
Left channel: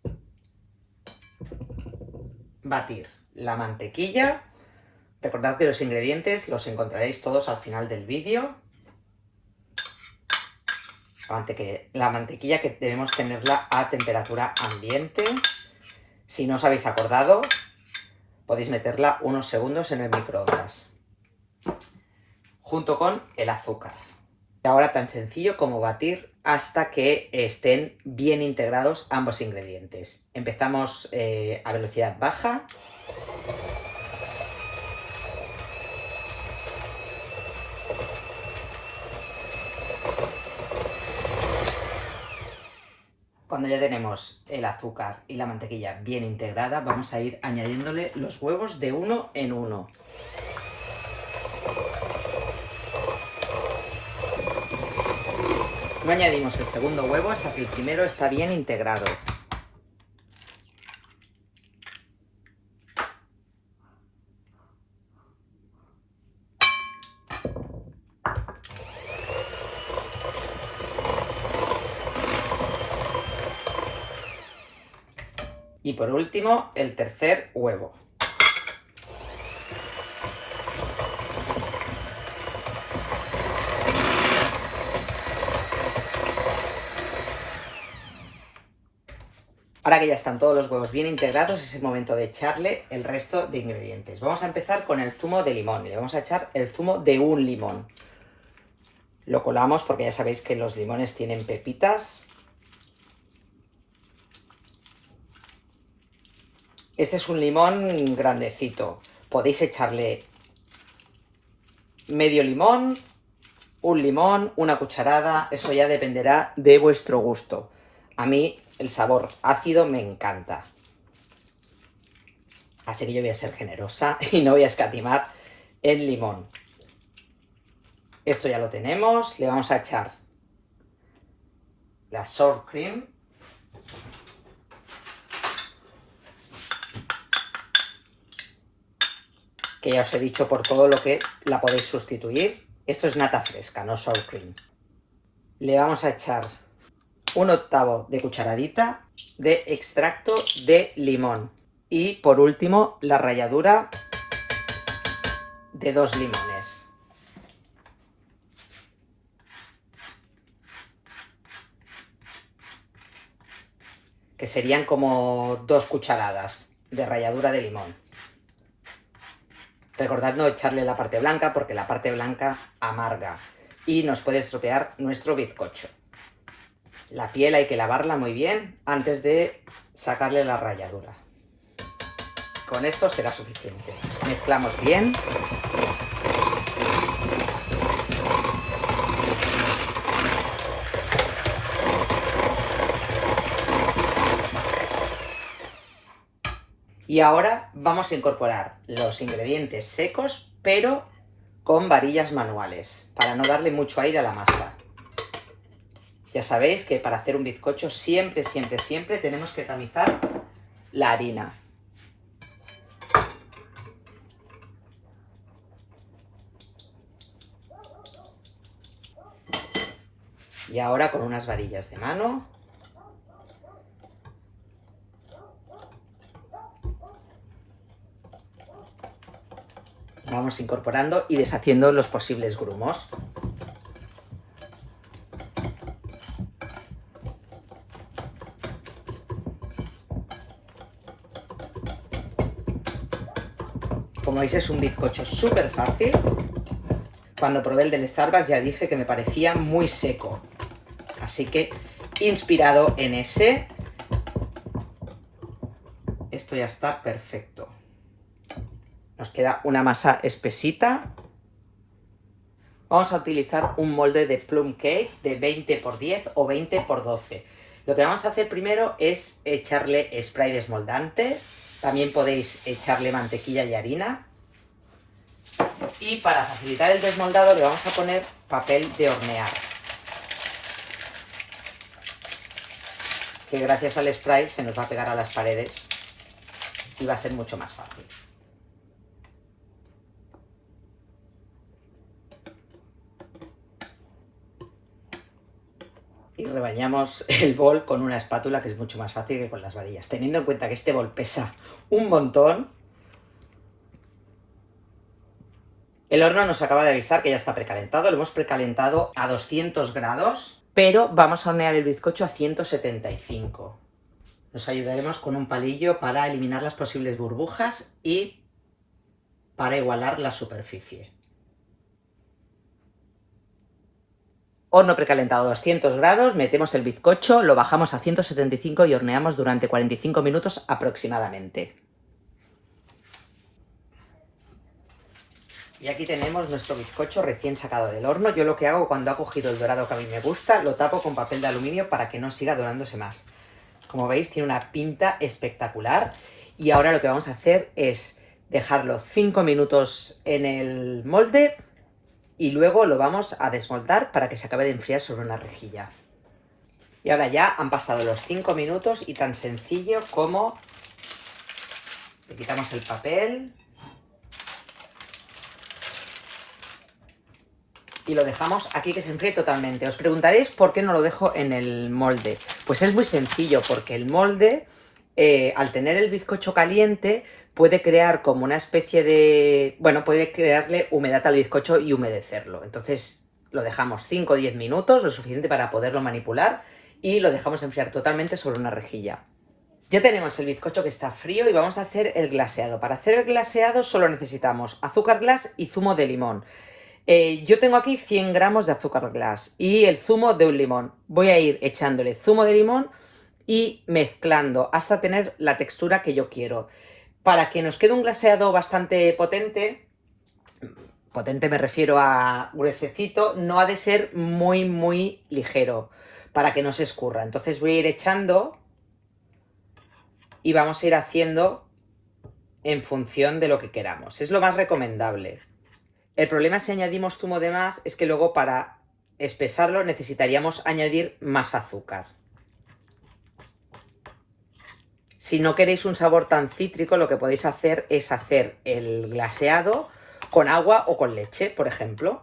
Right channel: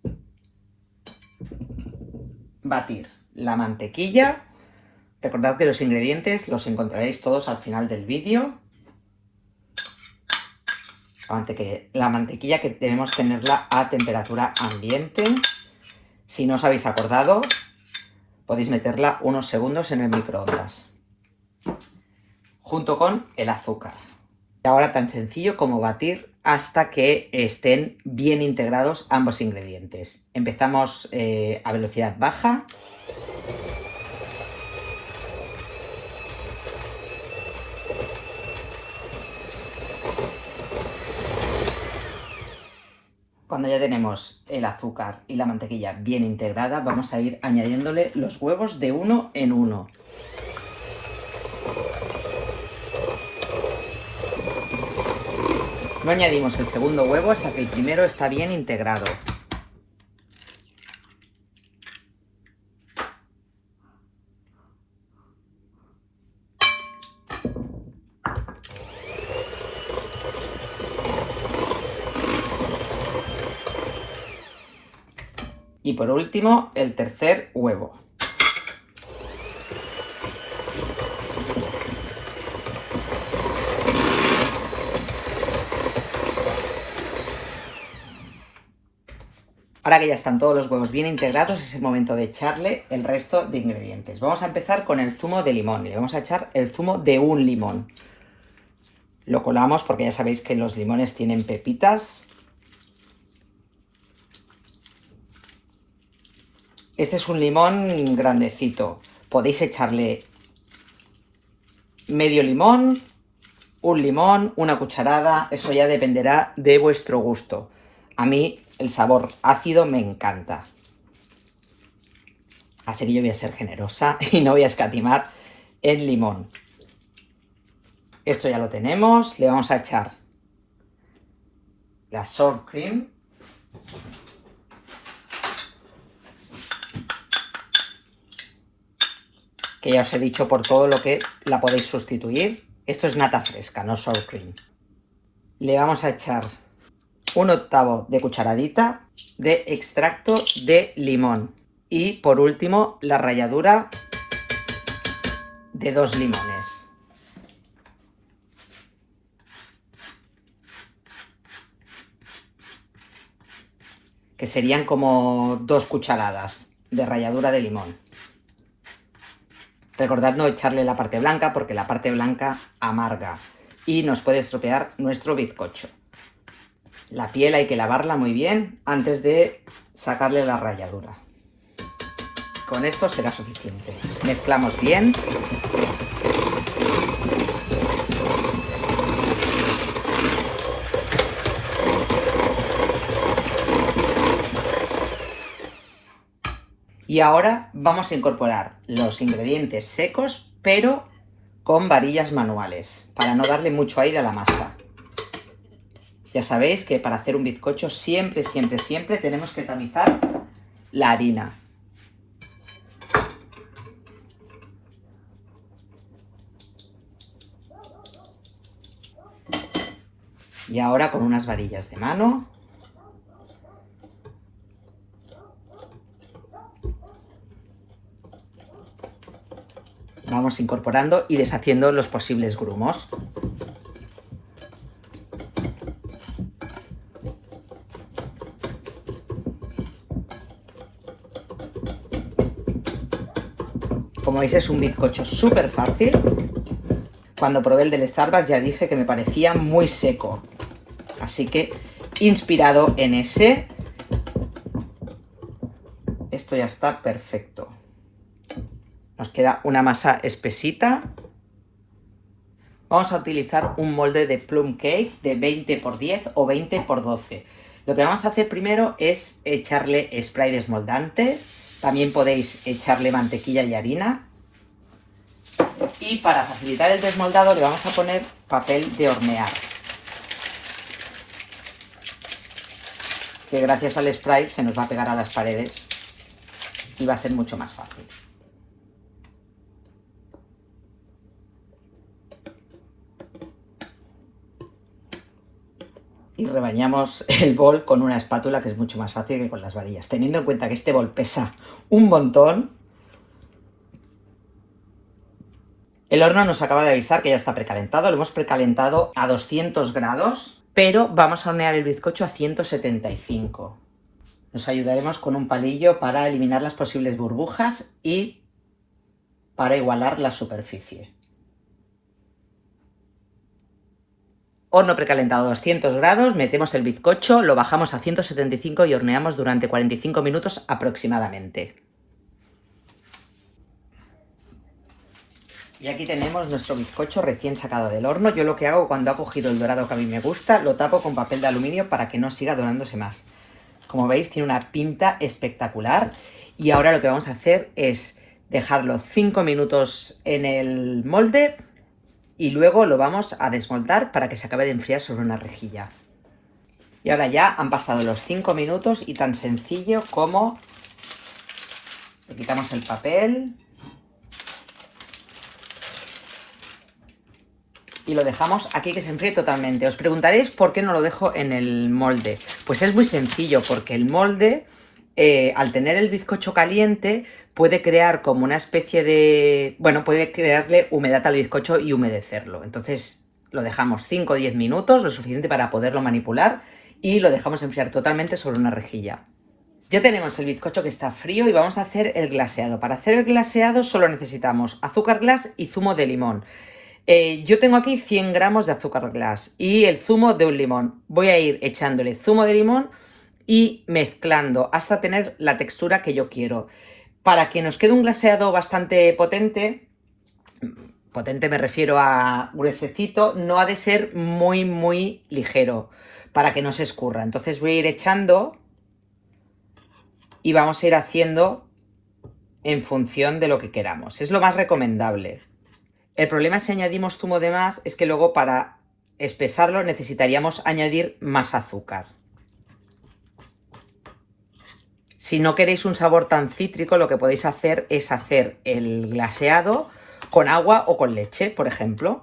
batir la mantequilla. Recordad que los ingredientes los encontraréis todos al final del vídeo. La mantequilla que debemos tenerla a temperatura ambiente. Si no os habéis acordado, podéis meterla unos segundos en el microondas, junto con el azúcar. Y ahora tan sencillo como batir hasta que estén bien integrados ambos ingredientes. Empezamos a velocidad baja. Cuando ya tenemos el azúcar y la mantequilla bien integrada, vamos a ir añadiéndole los huevos de uno en uno. No añadimos el segundo huevo hasta que el primero está bien integrado. Y por último, el tercer huevo. Ahora que ya están todos los huevos bien integrados, es el momento de echarle el resto de ingredientes. Vamos a empezar con el zumo de limón. Le vamos a echar el zumo de un limón. Lo colamos porque ya sabéis que los limones tienen pepitas. Este es un limón grandecito. Podéis echarle medio limón, un limón, una cucharada. Eso ya dependerá de vuestro gusto. A mí el sabor ácido me encanta. Así que yo voy a ser generosa y no voy a escatimar el limón. Esto ya lo tenemos. Le vamos a echar la sour cream. Que ya os he dicho por todo lo que la podéis sustituir. Esto es nata fresca, no sour cream. Le vamos a echar 1/8 de cucharadita de extracto de limón. Y por último, la ralladura de 2 limones. Que serían como 2 cucharadas de ralladura de limón. Recordad no echarle la parte blanca porque la parte blanca amarga y nos puede estropear nuestro bizcocho. La piel hay que lavarla muy bien antes de sacarle la ralladura. Con esto será suficiente. Mezclamos bien. Y ahora vamos a incorporar los ingredientes secos, pero con varillas manuales, para no darle mucho aire a la masa. Ya sabéis que para hacer un bizcocho siempre tenemos que tamizar la harina. Y ahora con unas varillas de mano vamos incorporando y deshaciendo los posibles grumos. Como veis es un bizcocho súper fácil. Cuando probé el del Starbucks ya dije que me parecía muy seco. Así que, inspirado en ese, esto ya está perfecto. Nos queda una masa espesita. Vamos a utilizar un molde de plum cake de 20×10 o 20×12. Lo que vamos a hacer primero es echarle spray desmoldante. También podéis echarle mantequilla y harina. Y para facilitar el desmoldado le vamos a poner papel de hornear. Que gracias al spray se nos va a pegar a las paredes y va a ser mucho más fácil. Y rebañamos el bol con una espátula, que es mucho más fácil que con las varillas. Teniendo en cuenta que este bol pesa un montón, el horno nos acaba de avisar que ya está precalentado. Lo hemos precalentado a 200 grados, pero vamos a hornear el bizcocho a 175. Nos ayudaremos con un palillo para eliminar las posibles burbujas y para igualar la superficie. Horno precalentado a 200 grados, metemos el bizcocho, lo bajamos a 175 y horneamos durante 45 minutos aproximadamente. Y aquí tenemos nuestro bizcocho recién sacado del horno. Yo lo que hago cuando ha cogido el dorado que a mí me gusta, lo tapo con papel de aluminio para que no siga dorándose más. Como veis, tiene una pinta espectacular. Y ahora lo que vamos a hacer es dejarlo 5 minutos en el molde y luego lo vamos a desmontar para que se acabe de enfriar sobre una rejilla. Y ahora ya han pasado los 5 minutos y tan sencillo como le quitamos el papel y lo dejamos aquí que se enfríe totalmente. Os preguntaréis por qué no lo dejo en el molde. Pues es muy sencillo, porque el molde, al tener el bizcocho caliente, puede crear como una especie de... Bueno, puede crearle humedad al bizcocho y humedecerlo. Entonces lo dejamos 5 o 10 minutos, lo suficiente para poderlo manipular, y lo dejamos enfriar totalmente sobre una rejilla. Ya tenemos el bizcocho que está frío y vamos a hacer el glaseado. Para hacer el glaseado solo necesitamos azúcar glass y zumo de limón. Yo tengo aquí 100 gramos de azúcar glass y el zumo de un limón. Voy a ir echándole zumo de limón y mezclando hasta tener la textura que yo quiero. Para que nos quede un glaseado bastante potente me refiero a gruesecito, no ha de ser muy ligero para que no se escurra. Entonces voy a ir echando y vamos a ir haciendo en función de lo que queramos. Es lo más recomendable. El problema si añadimos zumo de más es que luego para espesarlo necesitaríamos añadir más azúcar. Si no queréis un sabor tan cítrico, lo que podéis hacer es hacer el glaseado con agua o con leche, por ejemplo.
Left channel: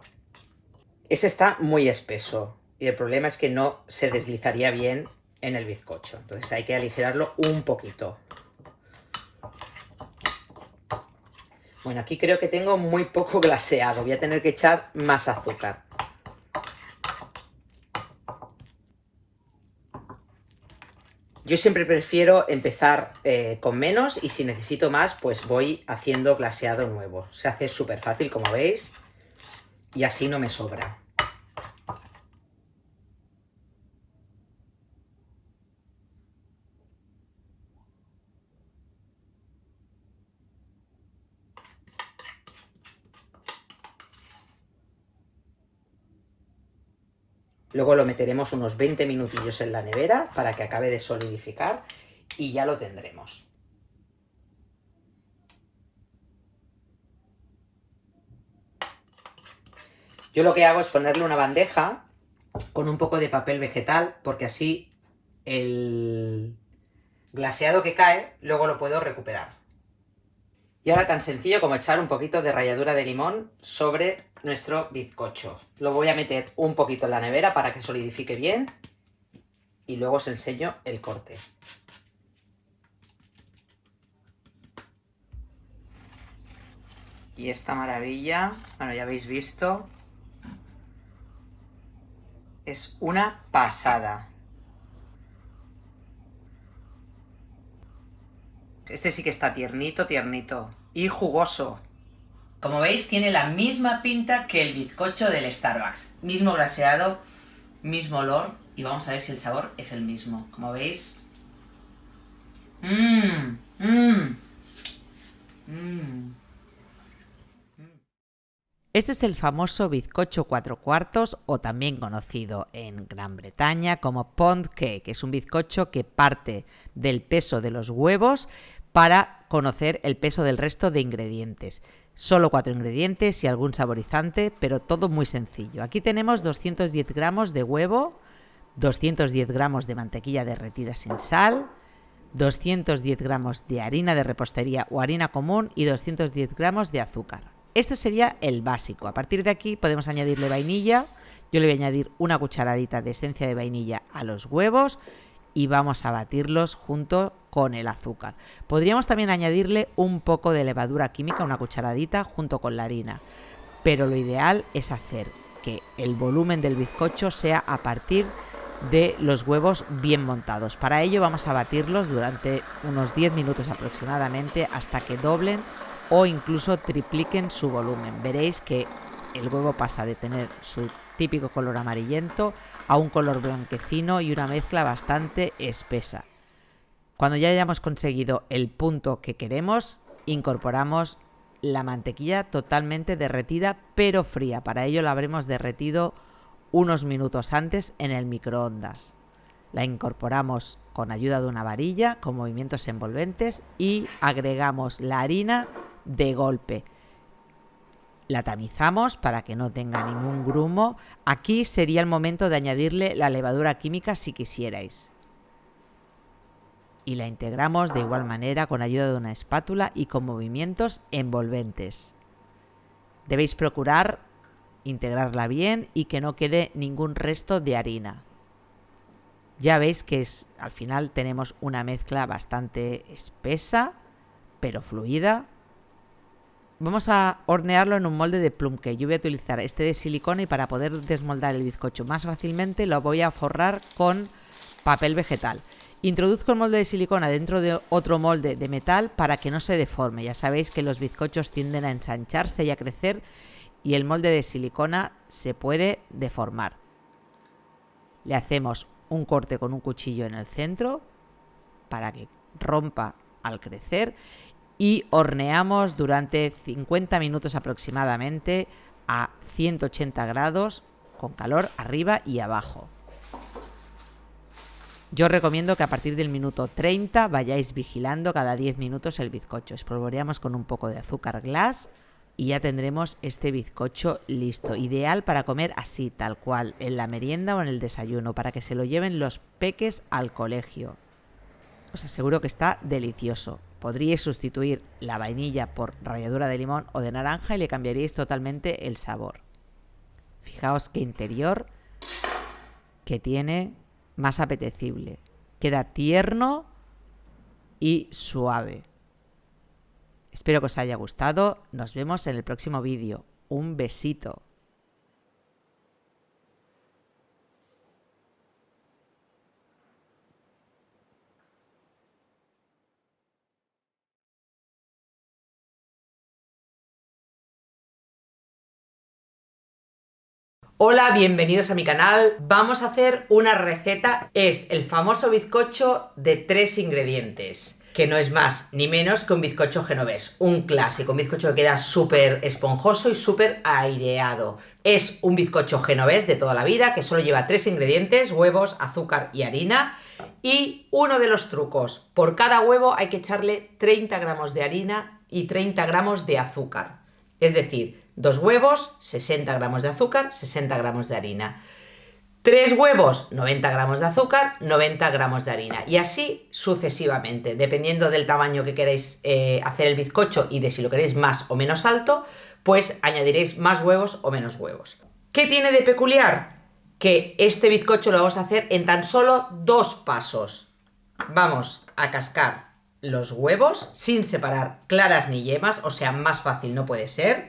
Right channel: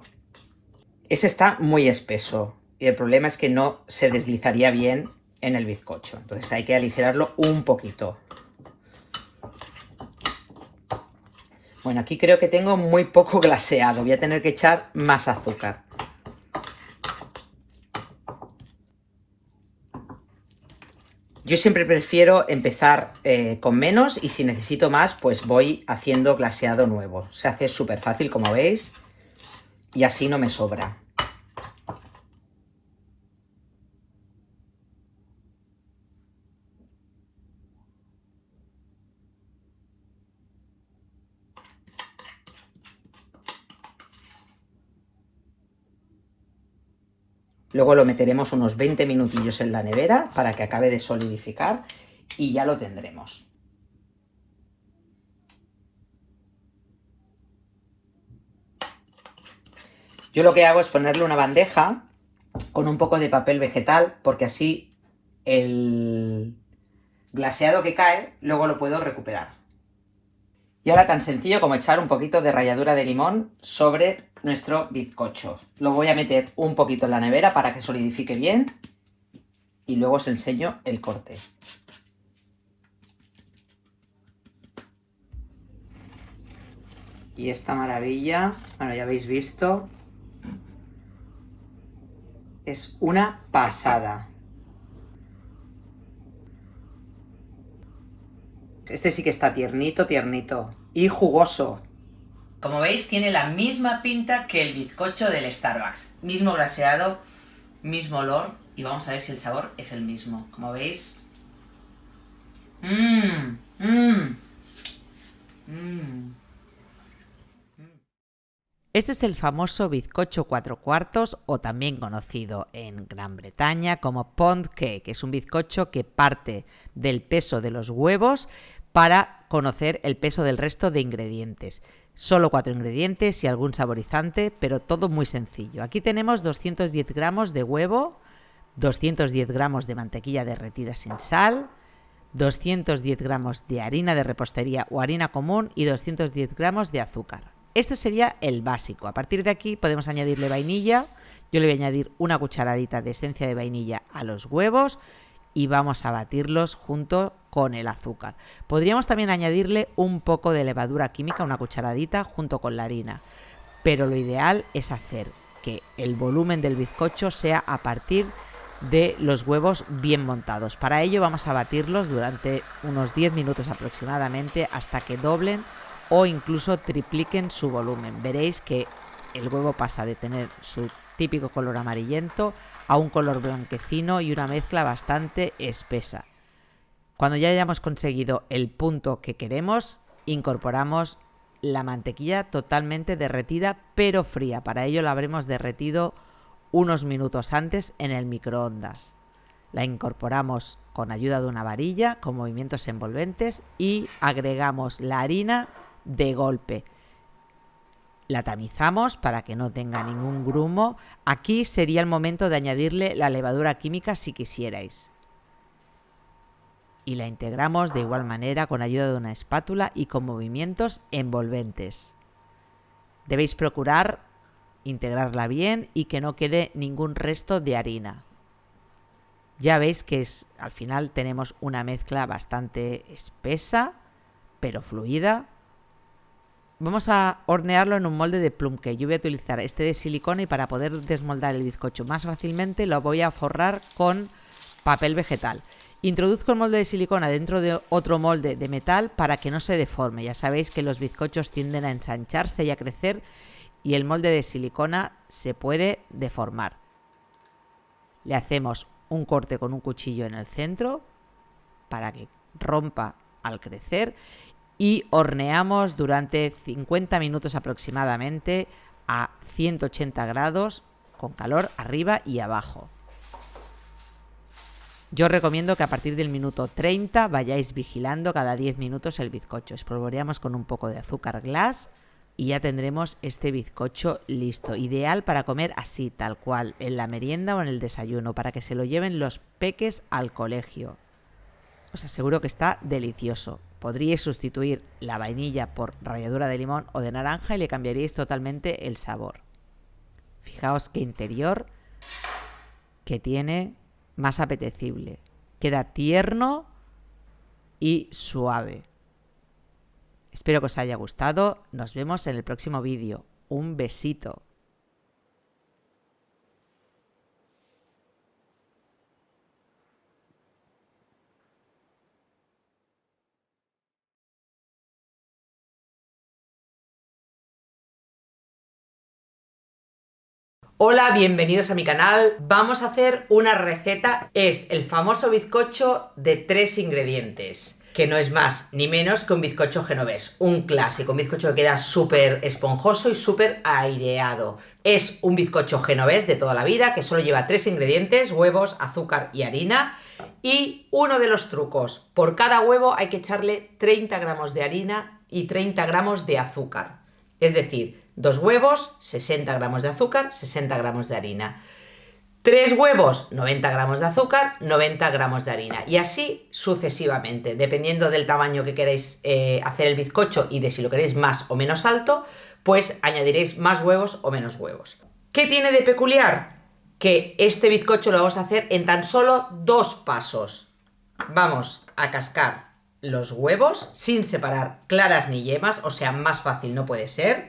Ese está muy espeso. El problema es que no se deslizaría bien en el bizcocho. Entonces hay que aligerarlo un poquito. Bueno, aquí creo que tengo muy poco glaseado. Voy a tener que echar más azúcar. Yo siempre prefiero empezar con menos y si necesito más, pues voy haciendo glaseado nuevo. Se hace súper fácil, como veis, y así no me sobra. Luego lo meteremos unos 20 minutillos en la nevera para que acabe de solidificar y ya lo tendremos. Yo lo que hago es ponerle una bandeja con un poco de papel vegetal porque así el glaseado que cae luego lo puedo recuperar. Y ahora tan sencillo como echar un poquito de ralladura de limón sobre nuestro bizcocho. Lo voy a meter un poquito en la nevera para que solidifique bien y luego os enseño el corte. Y esta maravilla, bueno, ya habéis visto, es una pasada. Este sí que está tiernito, tiernito y jugoso. Como veis, tiene la misma pinta que el bizcocho del Starbucks. Mismo glaseado, mismo olor y vamos a ver si el sabor es el mismo. Como veis... Este es el famoso bizcocho 4/4 o también conocido en Gran Bretaña como pound cake, que es un bizcocho que parte del peso de los huevos para conocer el peso del resto de ingredientes. Solo 4 ingredientes y algún saborizante, pero todo muy sencillo. Aquí tenemos 210 gramos de huevo, 210 gramos de mantequilla derretida sin sal, 210 gramos de harina de repostería o harina común y 210 gramos de azúcar. Este sería el básico. A partir de aquí podemos añadirle vainilla. Yo le voy a añadir una cucharadita de esencia de vainilla a los huevos y vamos a batirlos junto con el azúcar. Podríamos también añadirle un poco de levadura química, una cucharadita, junto con la harina. Pero lo ideal es hacer que el volumen del bizcocho sea a partir de los huevos bien montados. Para ello vamos a batirlos durante unos 10 minutos aproximadamente hasta que doblen o incluso tripliquen su volumen. Veréis que el huevo pasa de tener su típico color amarillento a un color blanquecino y una mezcla bastante espesa. Cuando ya hayamos conseguido el punto que queremos, incorporamos la mantequilla totalmente derretida pero fría. Para ello la habremos derretido unos minutos antes en el microondas. La incorporamos con ayuda de una varilla con movimientos envolventes y agregamos la harina de golpe. La tamizamos para que no tenga ningún grumo. Aquí sería el momento de añadirle la levadura química si quisierais. Y la integramos de igual manera con ayuda de una espátula y con movimientos envolventes. Debéis procurar integrarla bien y que no quede ningún resto de harina. Ya veis que al final tenemos una mezcla bastante espesa, pero fluida. Vamos a hornearlo en un molde de plum cake. Yo voy a utilizar este de silicona y para poder desmoldar el bizcocho más fácilmente lo voy a forrar con papel vegetal. Introduzco el molde de silicona dentro de otro molde de metal para que no se deforme. Ya sabéis que los bizcochos tienden a ensancharse y a crecer y el molde de silicona se puede deformar. Le hacemos un corte con un cuchillo en el centro para que rompa al crecer y horneamos durante 50 minutos aproximadamente a 180 grados con calor arriba y abajo. Yo os recomiendo que a partir del minuto 30 vayáis vigilando cada 10 minutos el bizcocho. Espolvoreamos con un poco de azúcar glass y ya tendremos este bizcocho listo. Ideal para comer así, tal cual, en la merienda o en el desayuno, para que se lo lleven los peques al colegio. Os aseguro que está delicioso. Podríais sustituir la vainilla por ralladura de limón o de naranja y le cambiaríais totalmente el sabor. Fijaos qué interior que tiene más apetecible. Queda tierno y suave. Espero que os haya gustado. Nos vemos en el próximo vídeo. Un besito. Hola, bienvenidos a mi canal. Vamos a hacer una receta, es el famoso bizcocho de 3 ingredientes, que no es más ni menos que un bizcocho genovés, un clásico, un bizcocho que queda súper esponjoso y súper aireado. Es un bizcocho genovés de toda la vida que solo lleva 3 ingredientes, huevos, azúcar y harina. Y uno de los trucos, por cada huevo hay que echarle 30 gramos de harina y 30 gramos de azúcar. Es decir, 2 huevos, 60 gramos de azúcar, 60 gramos de harina. 3 huevos, 90 gramos de azúcar, 90 gramos de harina. Y así sucesivamente, dependiendo del tamaño que queráis hacer el bizcocho y de si lo queréis más o menos alto, pues añadiréis más huevos o menos huevos. ¿Qué tiene de peculiar? Que este bizcocho lo vamos a hacer en tan solo 2 pasos. Vamos a cascar los huevos sin separar claras ni yemas, o sea, más fácil no puede ser.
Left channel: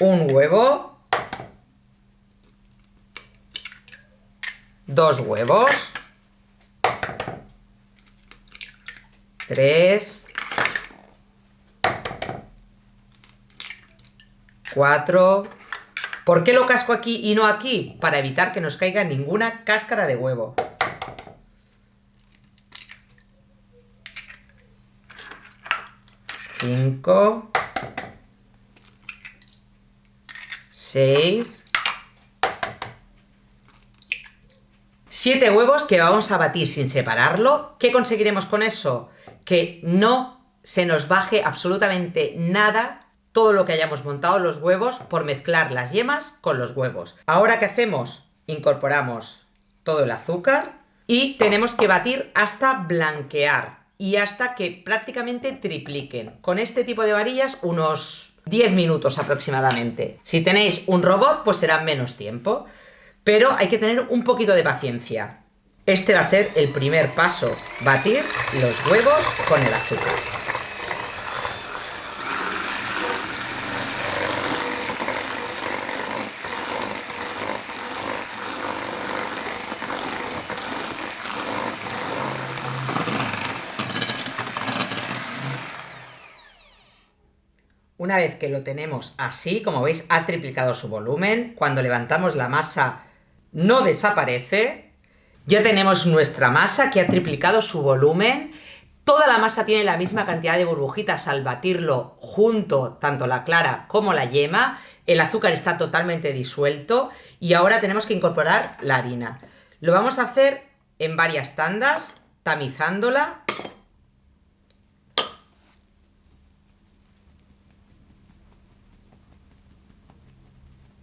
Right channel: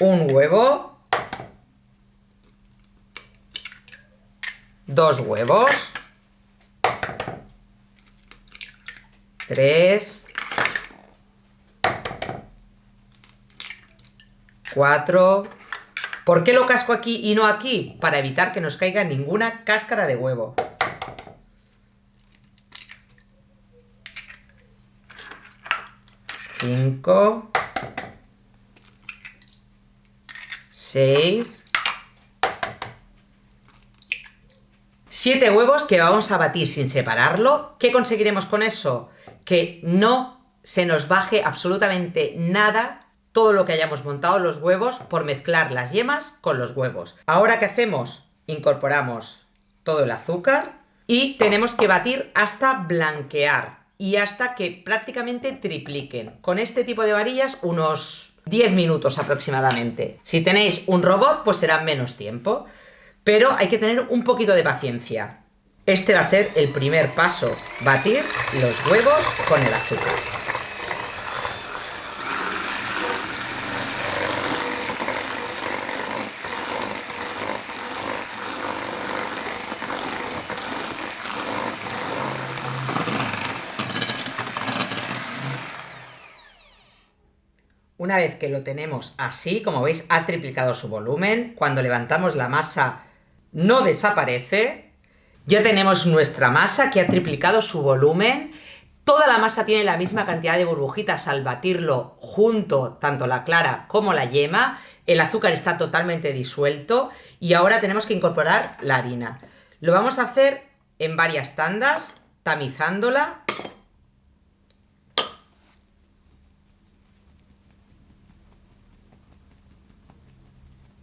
Un huevo, 2 huevos, 3, 4. ¿Por qué lo casco aquí y no aquí? Para evitar que nos caiga ninguna cáscara de huevo. 5, 6, 7 huevos que vamos a batir sin separarlo. ¿Qué conseguiremos con eso? Que no se nos baje absolutamente nada todo lo que hayamos montado los huevos por mezclar las yemas con los huevos. Ahora, ¿qué hacemos? Incorporamos todo el azúcar y tenemos que batir hasta blanquear y hasta que prácticamente tripliquen. Con este tipo de varillas unos 10 minutos aproximadamente. Si tenéis un robot, pues será menos tiempo. Pero hay que tener un poquito de paciencia. Este va a ser el primer paso, batir los huevos con el azúcar. Una vez que lo tenemos así, como veis, ha triplicado su volumen. Cuando levantamos la masa no desaparece. Ya tenemos nuestra masa que ha triplicado su volumen. Toda la masa tiene la misma cantidad de burbujitas al batirlo junto, tanto la clara como la yema. El azúcar está totalmente disuelto y ahora tenemos que incorporar la harina. Lo vamos a hacer en varias tandas, tamizándola.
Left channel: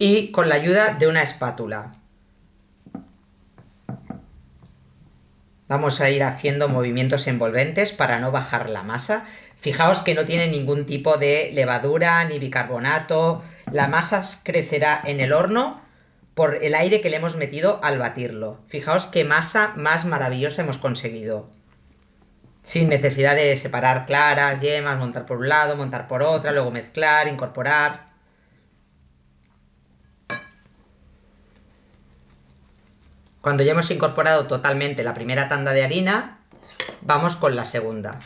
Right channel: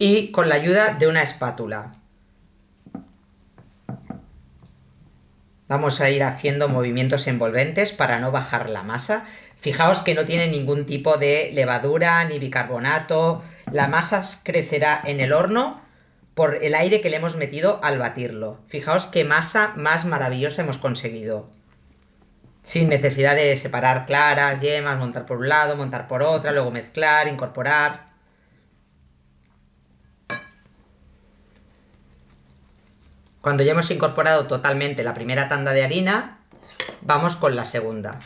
Y con la ayuda de una espátula. Vamos a ir haciendo movimientos envolventes para no bajar la masa. Fijaos que no tiene ningún tipo de levadura ni bicarbonato. La masa crecerá en el horno por el aire que le hemos metido al batirlo. Fijaos qué masa más maravillosa hemos conseguido. Sin necesidad de separar claras, yemas, montar por un lado, montar por otra, luego mezclar, incorporar. Cuando ya hemos incorporado totalmente la primera tanda de harina, vamos con la segunda.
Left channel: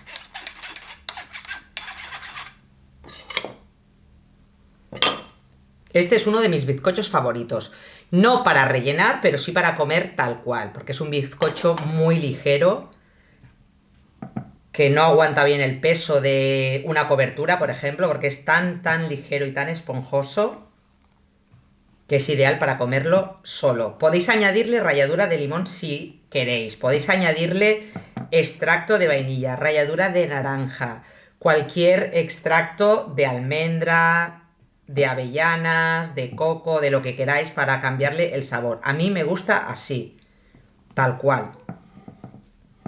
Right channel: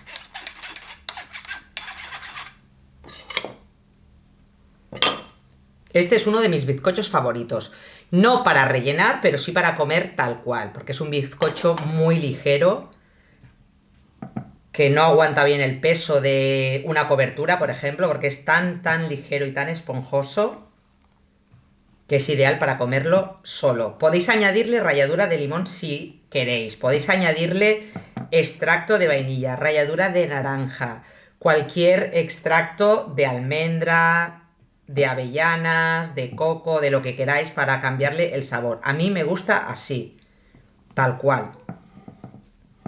Este es uno de mis bizcochos favoritos. No para rellenar, pero sí para comer tal cual, porque es un bizcocho muy ligero, que no aguanta bien el peso de una cobertura, por ejemplo, porque es tan ligero y tan esponjoso que es ideal para comerlo solo. Podéis añadirle ralladura de limón si queréis, podéis añadirle extracto de vainilla, ralladura de naranja, cualquier extracto de almendra, de avellanas, de coco, de lo que queráis para cambiarle el sabor. A mí me gusta así, tal cual.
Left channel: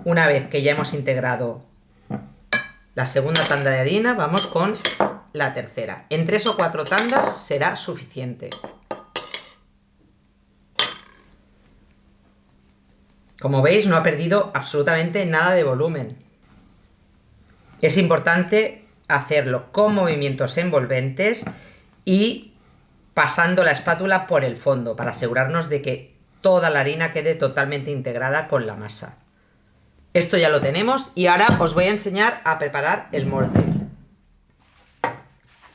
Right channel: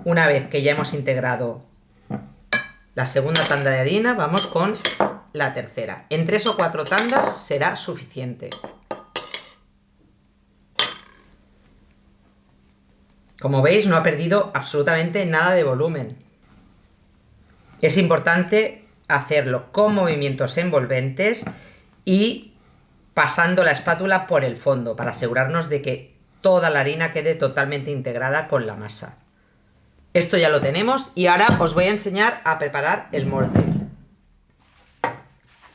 Una vez que ya hemos integrado la segunda tanda de harina, vamos con la tercera. En 3 o 4 tandas será suficiente. Como veis, no ha perdido absolutamente nada de volumen. Es importante hacerlo con movimientos envolventes y pasando la espátula por el fondo para asegurarnos de que toda la harina quede totalmente integrada con la masa. Esto ya lo tenemos y ahora os voy a enseñar a preparar el molde.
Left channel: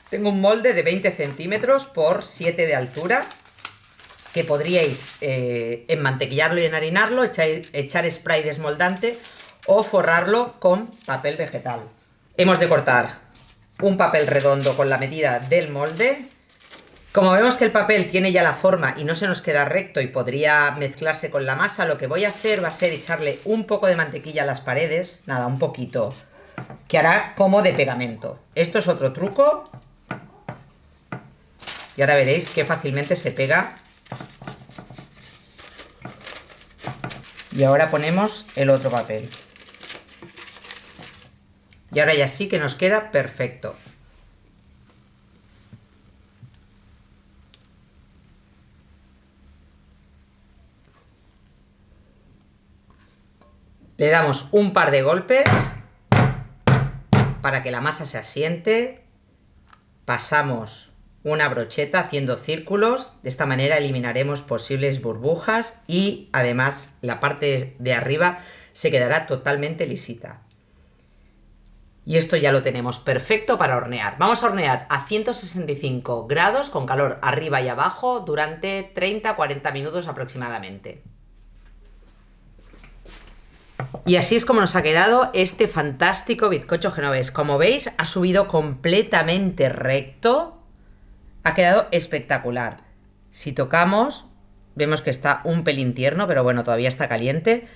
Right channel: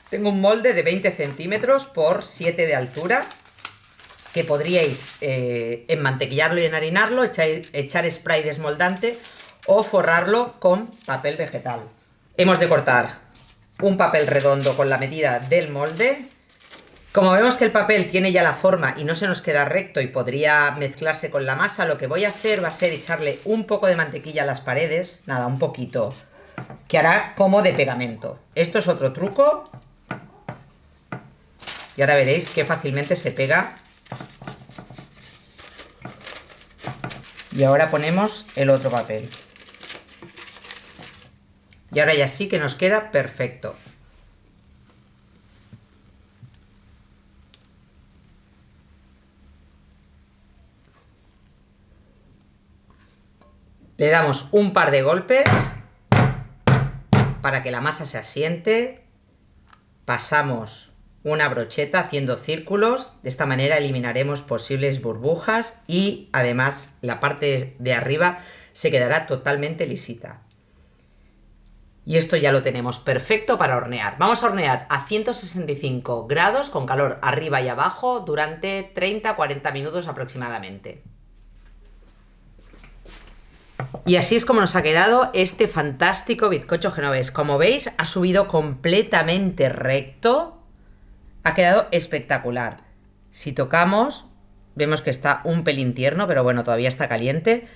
Tengo un molde de 20 centímetros por 7 de altura que podríais enmantequillarlo y enharinarlo, echar spray desmoldante o forrarlo con papel vegetal. Hemos de cortar un papel redondo con la medida del molde. Como vemos que el papel tiene ya la forma y no se nos queda recto y podría mezclarse con la masa, lo que voy a hacer va a ser echarle un poco de mantequilla a las paredes, nada, un poquito, que hará como de pegamento. Esto es otro truco y ahora veréis que fácilmente se pega. Y ahora ponemos el otro papel. Y ahora ya sí que nos queda perfecto. Le damos un par de golpes para que la masa se asiente. Pasamos una brocheta haciendo círculos. De esta manera eliminaremos posibles burbujas y además la parte de arriba se quedará totalmente lisita. Y esto ya lo tenemos perfecto para hornear. Vamos a hornear a 165 grados con calor arriba y abajo durante 30-40 minutos aproximadamente. Y así es como nos ha quedado este fantástico bizcocho genovés. Como veis, ha subido completamente recto. Ha quedado espectacular. Si tocamos, vemos que está un pelín tierno, pero bueno, todavía está caliente.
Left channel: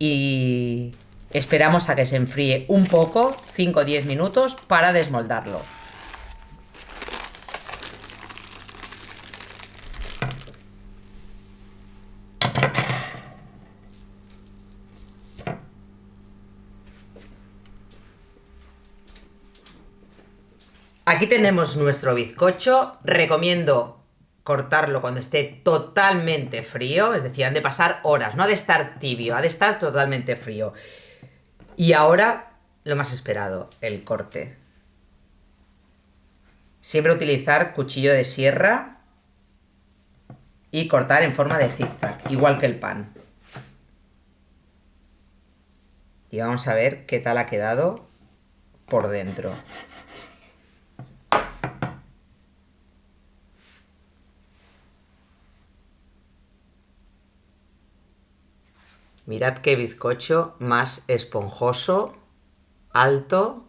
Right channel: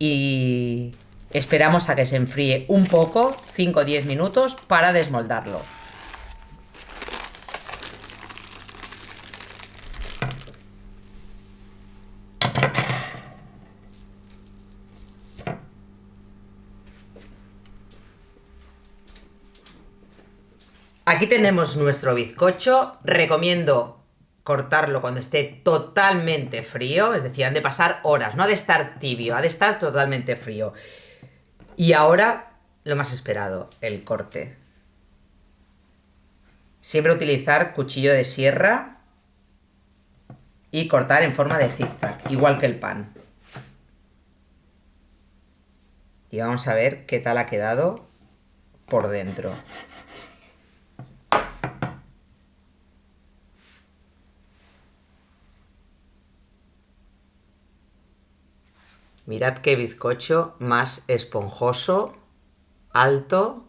Y esperamos a que se enfríe un poco, 5 o 10 minutos, para desmoldarlo. Aquí tenemos nuestro bizcocho. Recomiendo cortarlo cuando esté totalmente frío, es decir, han de pasar horas, no ha de estar tibio, ha de estar totalmente frío. Y ahora, lo más esperado, el corte. Siempre utilizar cuchillo de sierra y cortar en forma de zigzag, igual que el pan. Y vamos a ver qué tal ha quedado por dentro. Mirad qué bizcocho más esponjoso, alto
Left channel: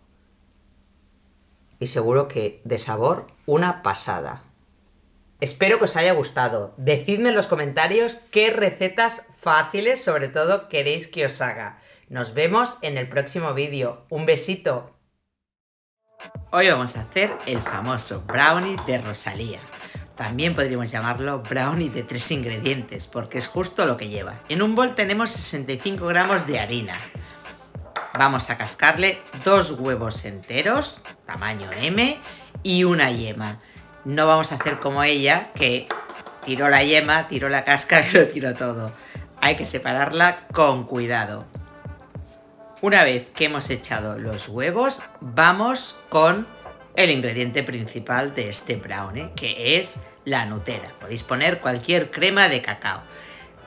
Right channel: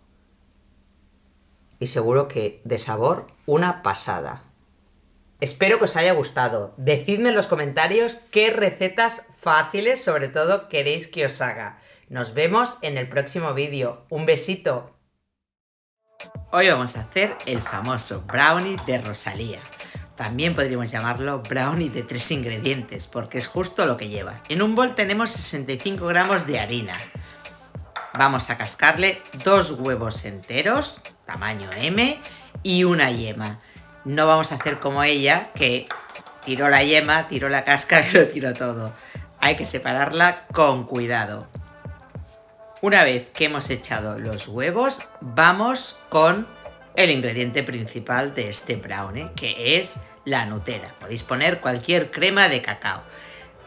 y seguro que de sabor una pasada. Espero que os haya gustado. Decidme en los comentarios qué recetas fáciles, sobre todo, queréis que os haga. Nos vemos en el próximo vídeo. Un besito. Hoy vamos a hacer el famoso brownie de Rosalía. También podríamos llamarlo brownie de 3 ingredientes, porque es justo lo que lleva. En un bol tenemos 65 gramos de harina. Vamos a cascarle 2 huevos enteros, tamaño M, y una yema. No vamos a hacer como ella, que tiró la yema, tiró la cáscara y lo tiró todo. Hay que separarla con cuidado. Una vez que hemos echado los huevos, vamos con el ingrediente principal de este brownie, que es la Nutella. Podéis poner cualquier crema de cacao.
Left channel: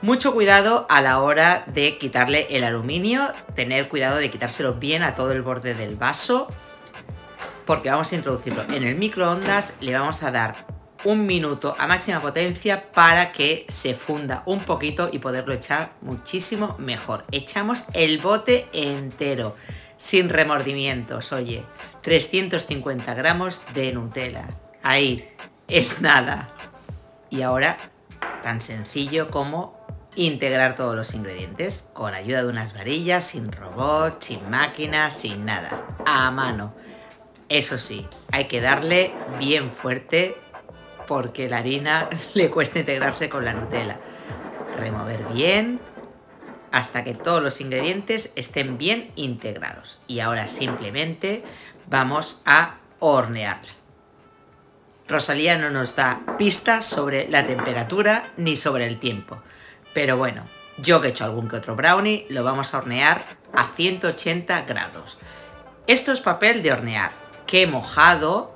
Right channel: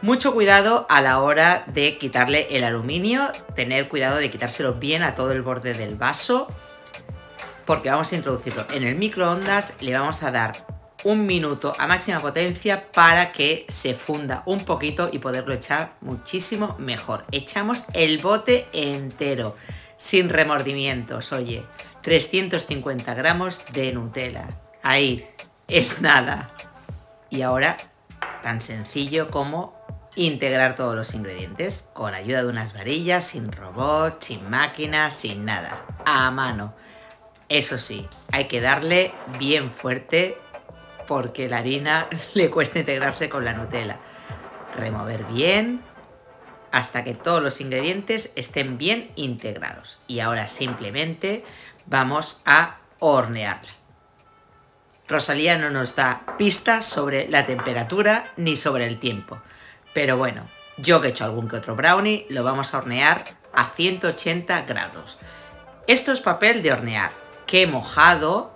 Mucho cuidado a la hora de quitarle el aluminio, tener cuidado de quitárselo bien a todo el borde del vaso, porque vamos a introducirlo en el microondas, le vamos a dar 1 minuto a máxima potencia para que se funda un poquito y poderlo echar muchísimo mejor. Echamos el bote entero, sin remordimientos, oye, 350 gramos de Nutella. Ahí, es nada. Y ahora, tan sencillo como integrar todos los ingredientes con ayuda de unas varillas, sin robot, sin máquina, sin nada, a mano. Eso sí, hay que darle bien fuerte porque la harina le cuesta integrarse con la Nutella. Remover bien hasta que todos los ingredientes estén bien integrados. Y ahora simplemente vamos a hornearla. Rosalía no nos da pistas sobre la temperatura ni sobre el tiempo. Pero bueno, Yo que he hecho algún que otro brownie, lo vamos a hornear a 180 grados. Esto es papel de hornear que he mojado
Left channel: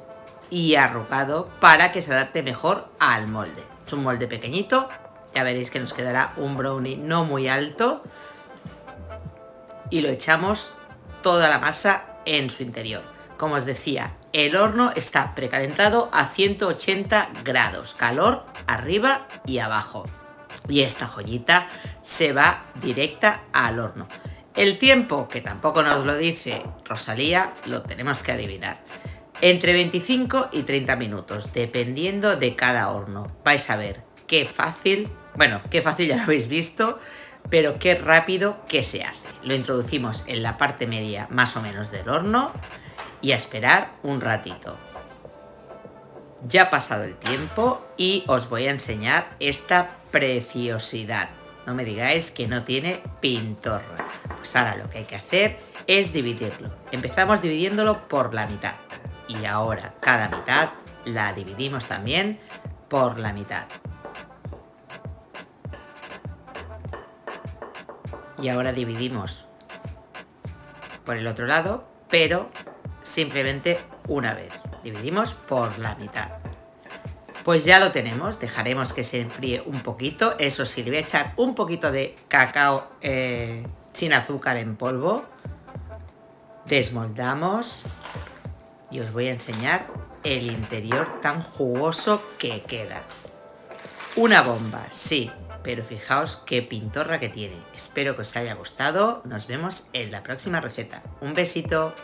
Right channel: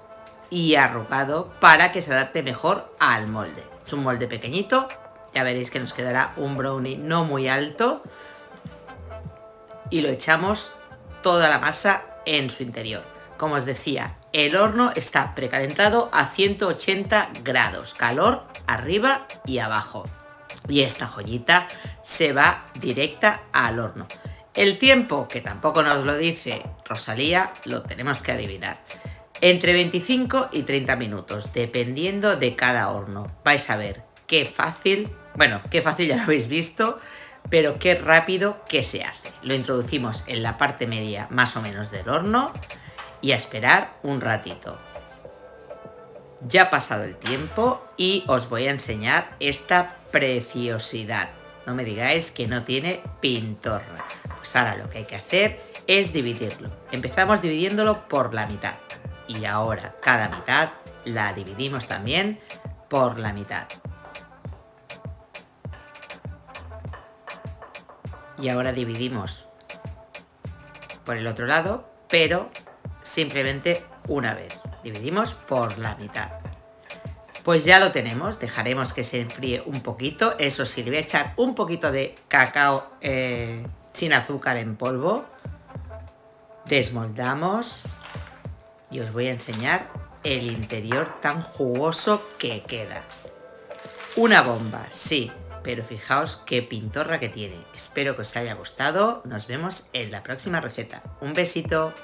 y arrugado para que se adapte mejor al molde. Es un molde pequeñito, ya veréis que nos quedará un brownie no muy alto y lo echamos toda la masa en su interior. Como os decía, el horno está precalentado a 180 grados, calor arriba y abajo. Y esta joyita se va directa al horno. El tiempo, que tampoco nos lo dice Rosalía, lo tenemos que adivinar. Entre 25 y 30 minutos, dependiendo de cada horno. Vais a ver qué fácil, bueno, qué fácil ya lo habéis visto, pero qué rápido que se hace. Lo introducimos en la parte media más o menos del horno y a esperar un ratito. Ya ha pasado el tiempo y os voy a enseñar esta preciosidad. No me digáis que no tiene pintorra. Pues ahora lo que hay que hacer es dividirlo. Empezamos dividiéndolo por la mitad. Y ahora cada mitad la dividimos también por la mitad. Y ahora dividimos por el otro lado, pero simplemente una vez. Dividimos por la mitad. Pues ya lo tenemos, dejaremos que se enfríe un poquito. Eso sí, le voy a echar un poquito de cacao sin azúcar en polvo. Desmoldamos y os voy a enseñar el interior tan jugoso que queda. Una bomba, sí, pero fijaos qué pintorra que tiene. Espero que os haya gustado. Nos vemos en la próxima receta. Un besito.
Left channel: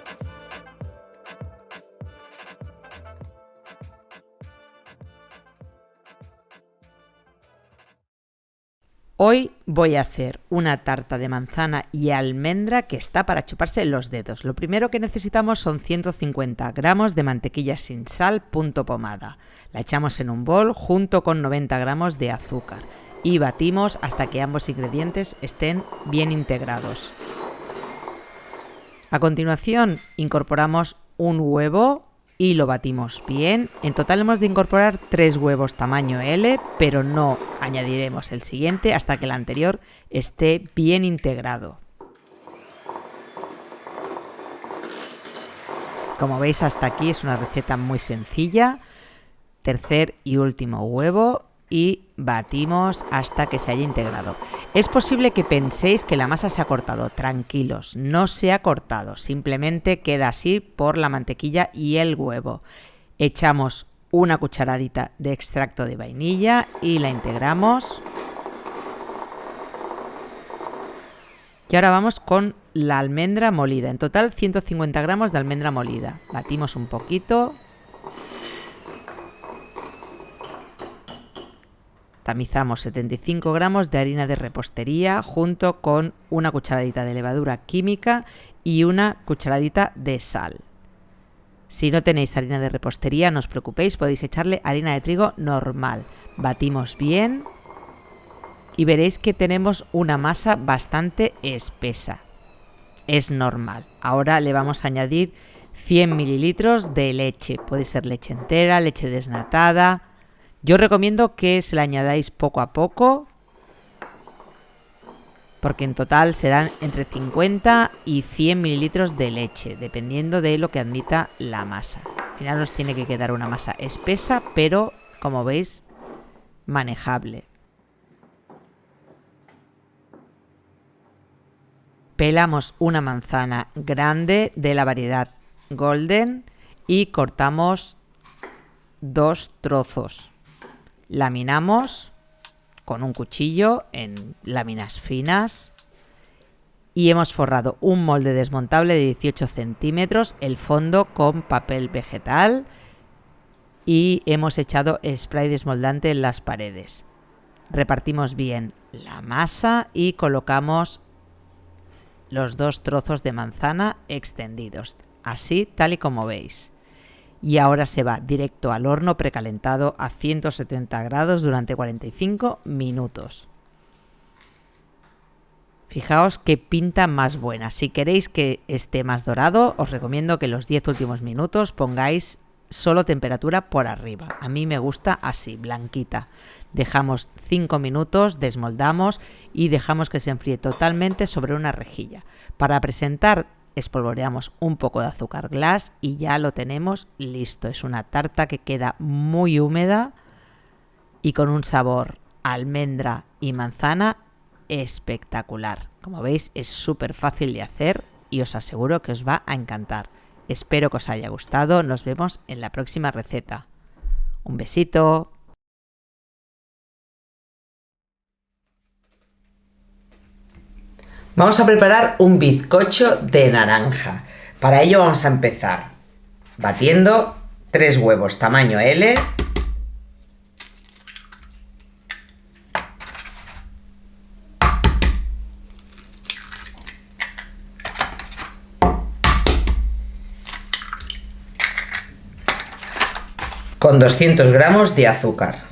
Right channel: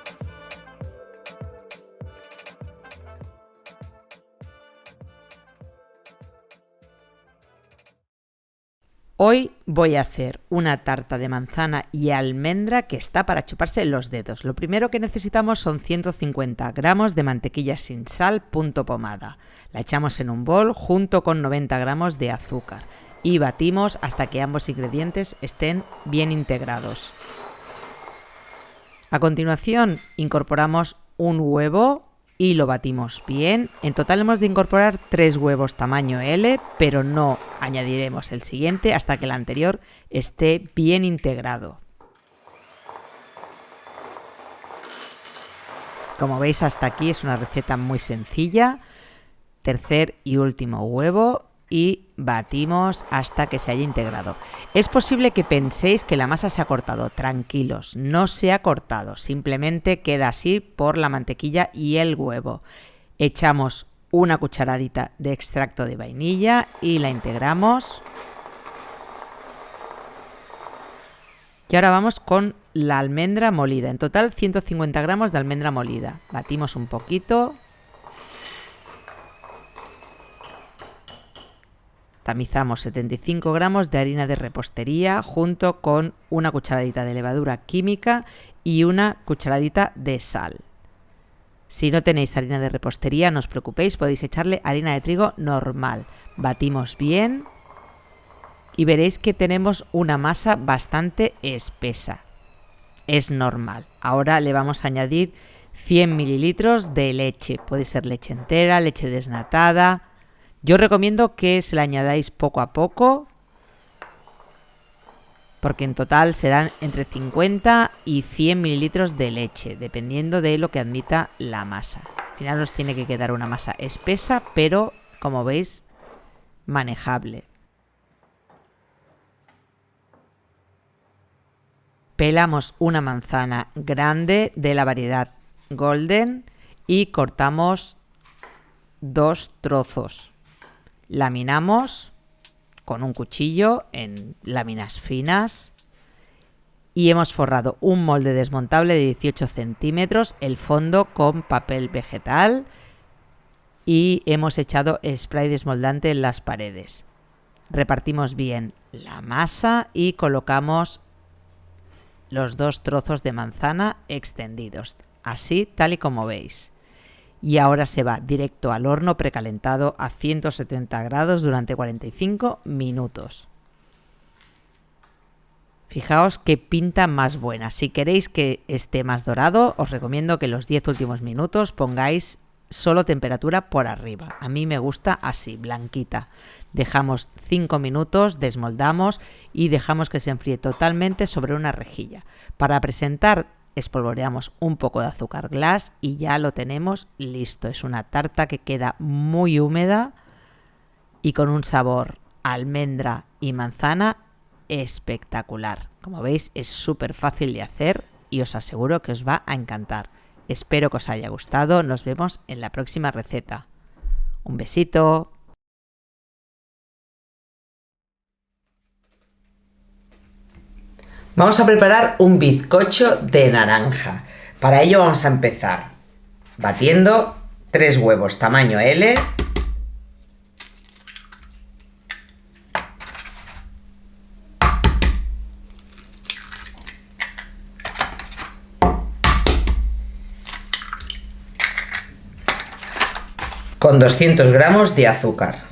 Hoy voy a hacer una tarta de manzana y almendra que está para chuparse los dedos. Lo primero que necesitamos son 150 gramos de mantequilla sin sal punto pomada. La echamos en un bol junto con 90 gramos de azúcar y batimos hasta que ambos ingredientes estén bien integrados. A continuación incorporamos un huevo y lo batimos bien. En total hemos de incorporar 3 huevos tamaño L, pero no añadiremos el siguiente hasta que el anterior esté bien integrado. Como veis, hasta aquí es una receta muy sencilla. Tercer y último huevo y batimos hasta que se haya integrado. Es posible que penséis que la masa se ha cortado. Tranquilos, no se ha cortado, simplemente queda así por la mantequilla y el huevo. Echamos una cucharadita de extracto de vainilla y la integramos. Y ahora vamos con la almendra molida. En total 150 gramos de almendra molida. Batimos un poquito. Tamizamos 75 gramos de harina de repostería junto con una cucharadita de levadura química y una cucharadita de sal. Si no tenéis harina de repostería, no os preocupéis, podéis echarle harina de trigo normal. Batimos bien y veréis que tenemos una masa bastante espesa. Es normal. Ahora le vamos a añadir 100 mililitros de leche. Puede ser leche entera, leche desnatada. Yo recomiendo que se la añadáis poco a poco, porque en total serán entre 50 y 100 mililitros de leche, dependiendo de lo que admita la masa. Al final nos tiene que quedar una masa espesa, pero como veis, manejable. Pelamos una manzana grande de la variedad Golden y cortamos 2 trozos. Laminamos con un cuchillo en láminas finas y hemos forrado un molde desmontable de 18 centímetros, el fondo con papel vegetal y hemos echado spray desmoldante en las paredes. Repartimos bien la masa y colocamos los 2 trozos de manzana extendidos, así tal y como veis. Y ahora se va directo al horno precalentado a 170 grados durante 45 minutos. Fijaos qué pinta más buena. Si queréis que esté más dorado, os recomiendo que los 10 últimos minutos pongáis solo temperatura por arriba. A mí me gusta así, blanquita. Dejamos 5 minutos, desmoldamos y dejamos que se enfríe totalmente sobre una rejilla. Para presentar, espolvoreamos un poco de azúcar glass y ya lo tenemos listo. Es una tarta que queda muy húmeda y con un sabor a almendra y manzana espectacular. Como veis, es súper fácil de hacer y os aseguro que os va a encantar. Espero que os haya gustado. Nos vemos en la próxima receta. Un besito. Vamos a preparar un bizcocho de naranja. Para ello vamos a empezar batiendo 3 huevos tamaño L, con 200 gramos de azúcar.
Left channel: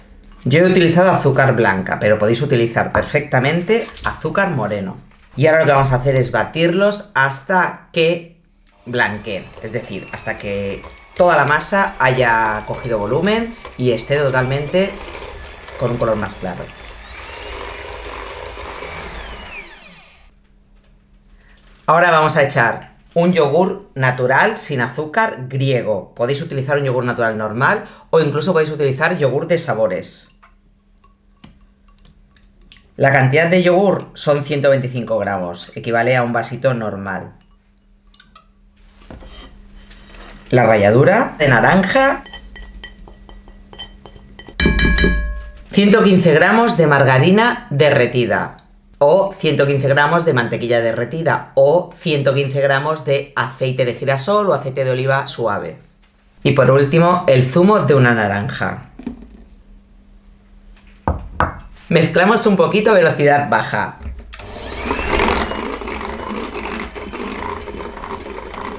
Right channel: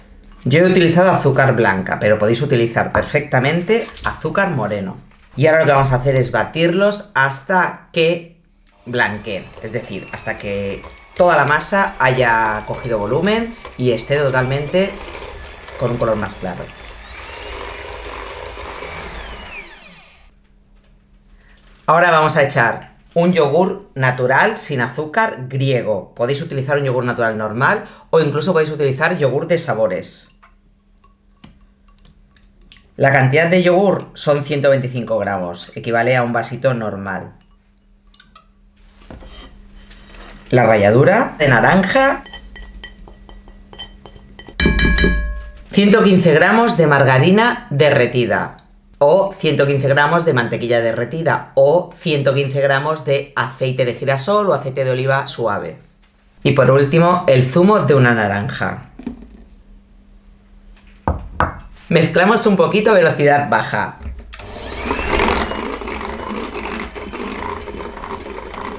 Yo he utilizado azúcar blanca, pero podéis utilizar perfectamente azúcar moreno. Y ahora lo que vamos a hacer es batirlos hasta que blanqueen, es decir, hasta que toda la masa haya cogido volumen y esté totalmente con un color más claro. Ahora vamos a echar un yogur natural sin azúcar griego. Podéis utilizar un yogur natural normal o incluso podéis utilizar yogur de sabores. La cantidad de yogur son 125 gramos, equivale a un vasito normal. La ralladura de naranja. 115 gramos de margarina derretida. O 115 gramos de mantequilla derretida. O 115 gramos de aceite de girasol o aceite de oliva suave. Y por último, el zumo de una naranja. Mezclamos un poquito a velocidad baja.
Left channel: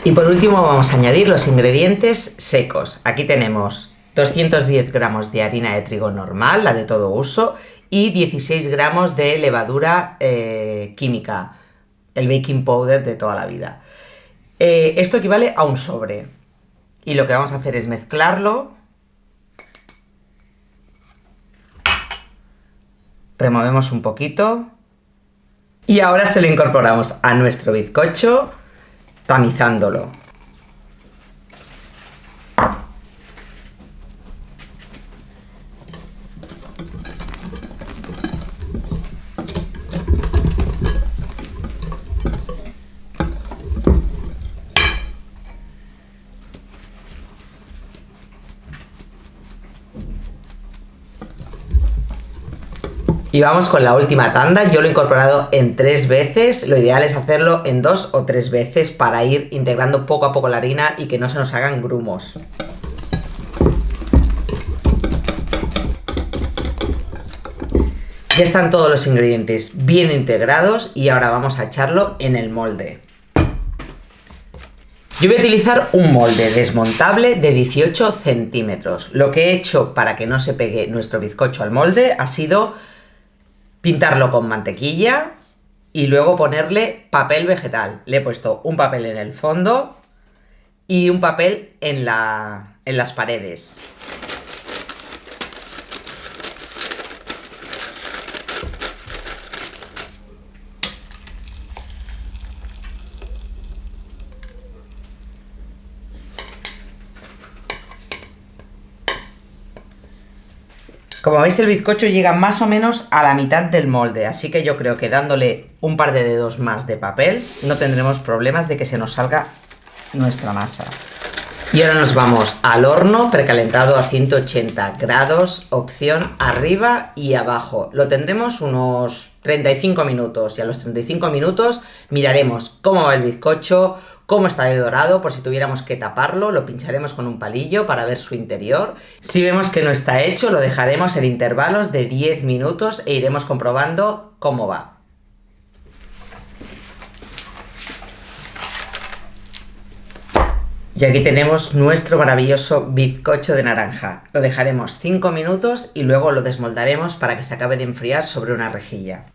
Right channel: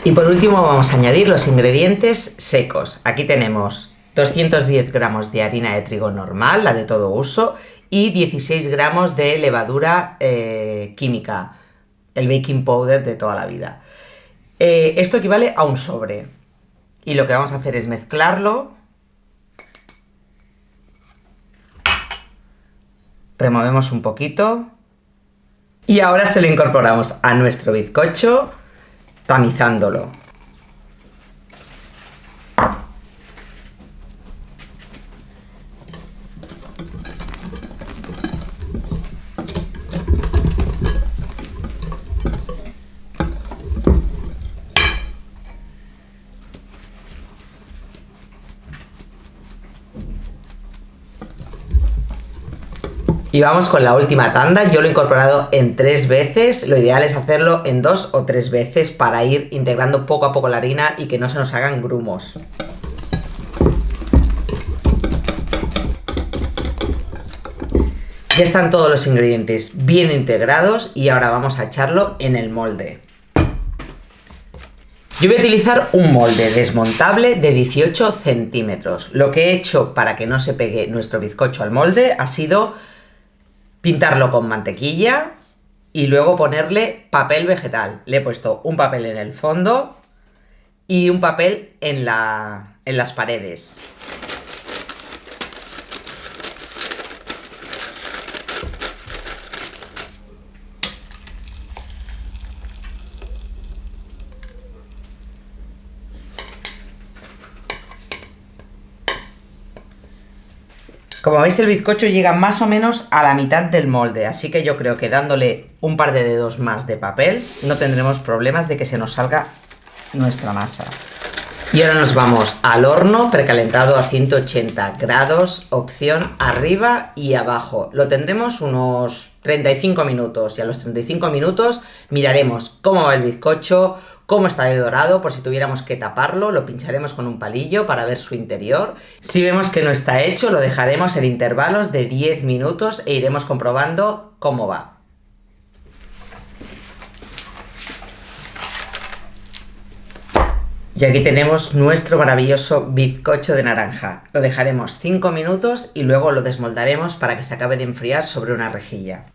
Y por último vamos a añadir los ingredientes secos. Aquí tenemos 210 gramos de harina de trigo normal, la de todo uso, y 16 gramos de levadura química, el baking powder de toda la vida. Esto equivale a un sobre. Y lo que vamos a hacer es mezclarlo. Removemos un poquito y ahora se lo incorporamos a nuestro bizcocho tamizándolo. Y vamos con la última tanda. Yo lo he incorporado en 3 veces. Lo ideal es hacerlo en 2 o 3 veces para ir integrando poco a poco la harina y que no se nos hagan grumos. Ya están todos los ingredientes bien integrados y ahora vamos a echarlo en el molde. Yo voy a utilizar un molde desmontable de 18 centímetros. Lo que he hecho para que no se pegue nuestro bizcocho al molde ha sido pintarlo con mantequilla y luego ponerle papel vegetal. Le he puesto un papel en el fondo y un papel en las paredes. Como veis, el bizcocho llega más o menos a la mitad del molde, así que yo creo que dándole un par de dedos más de papel no tendremos problemas de que se nos salga nuestra masa. Y ahora nos vamos al horno precalentado a 180 grados, opción arriba y abajo. Lo tendremos unos 35 minutos y a los 35 minutos miraremos cómo va el bizcocho, cómo está de dorado, por si tuviéramos que taparlo, lo pincharemos con un palillo para ver su interior. Si vemos que no está hecho, lo dejaremos en intervalos de 10 minutos e iremos comprobando cómo va. Y aquí tenemos nuestro maravilloso bizcocho de naranja. Lo dejaremos 5 minutos y luego lo desmoldaremos para que se acabe de enfriar sobre una rejilla.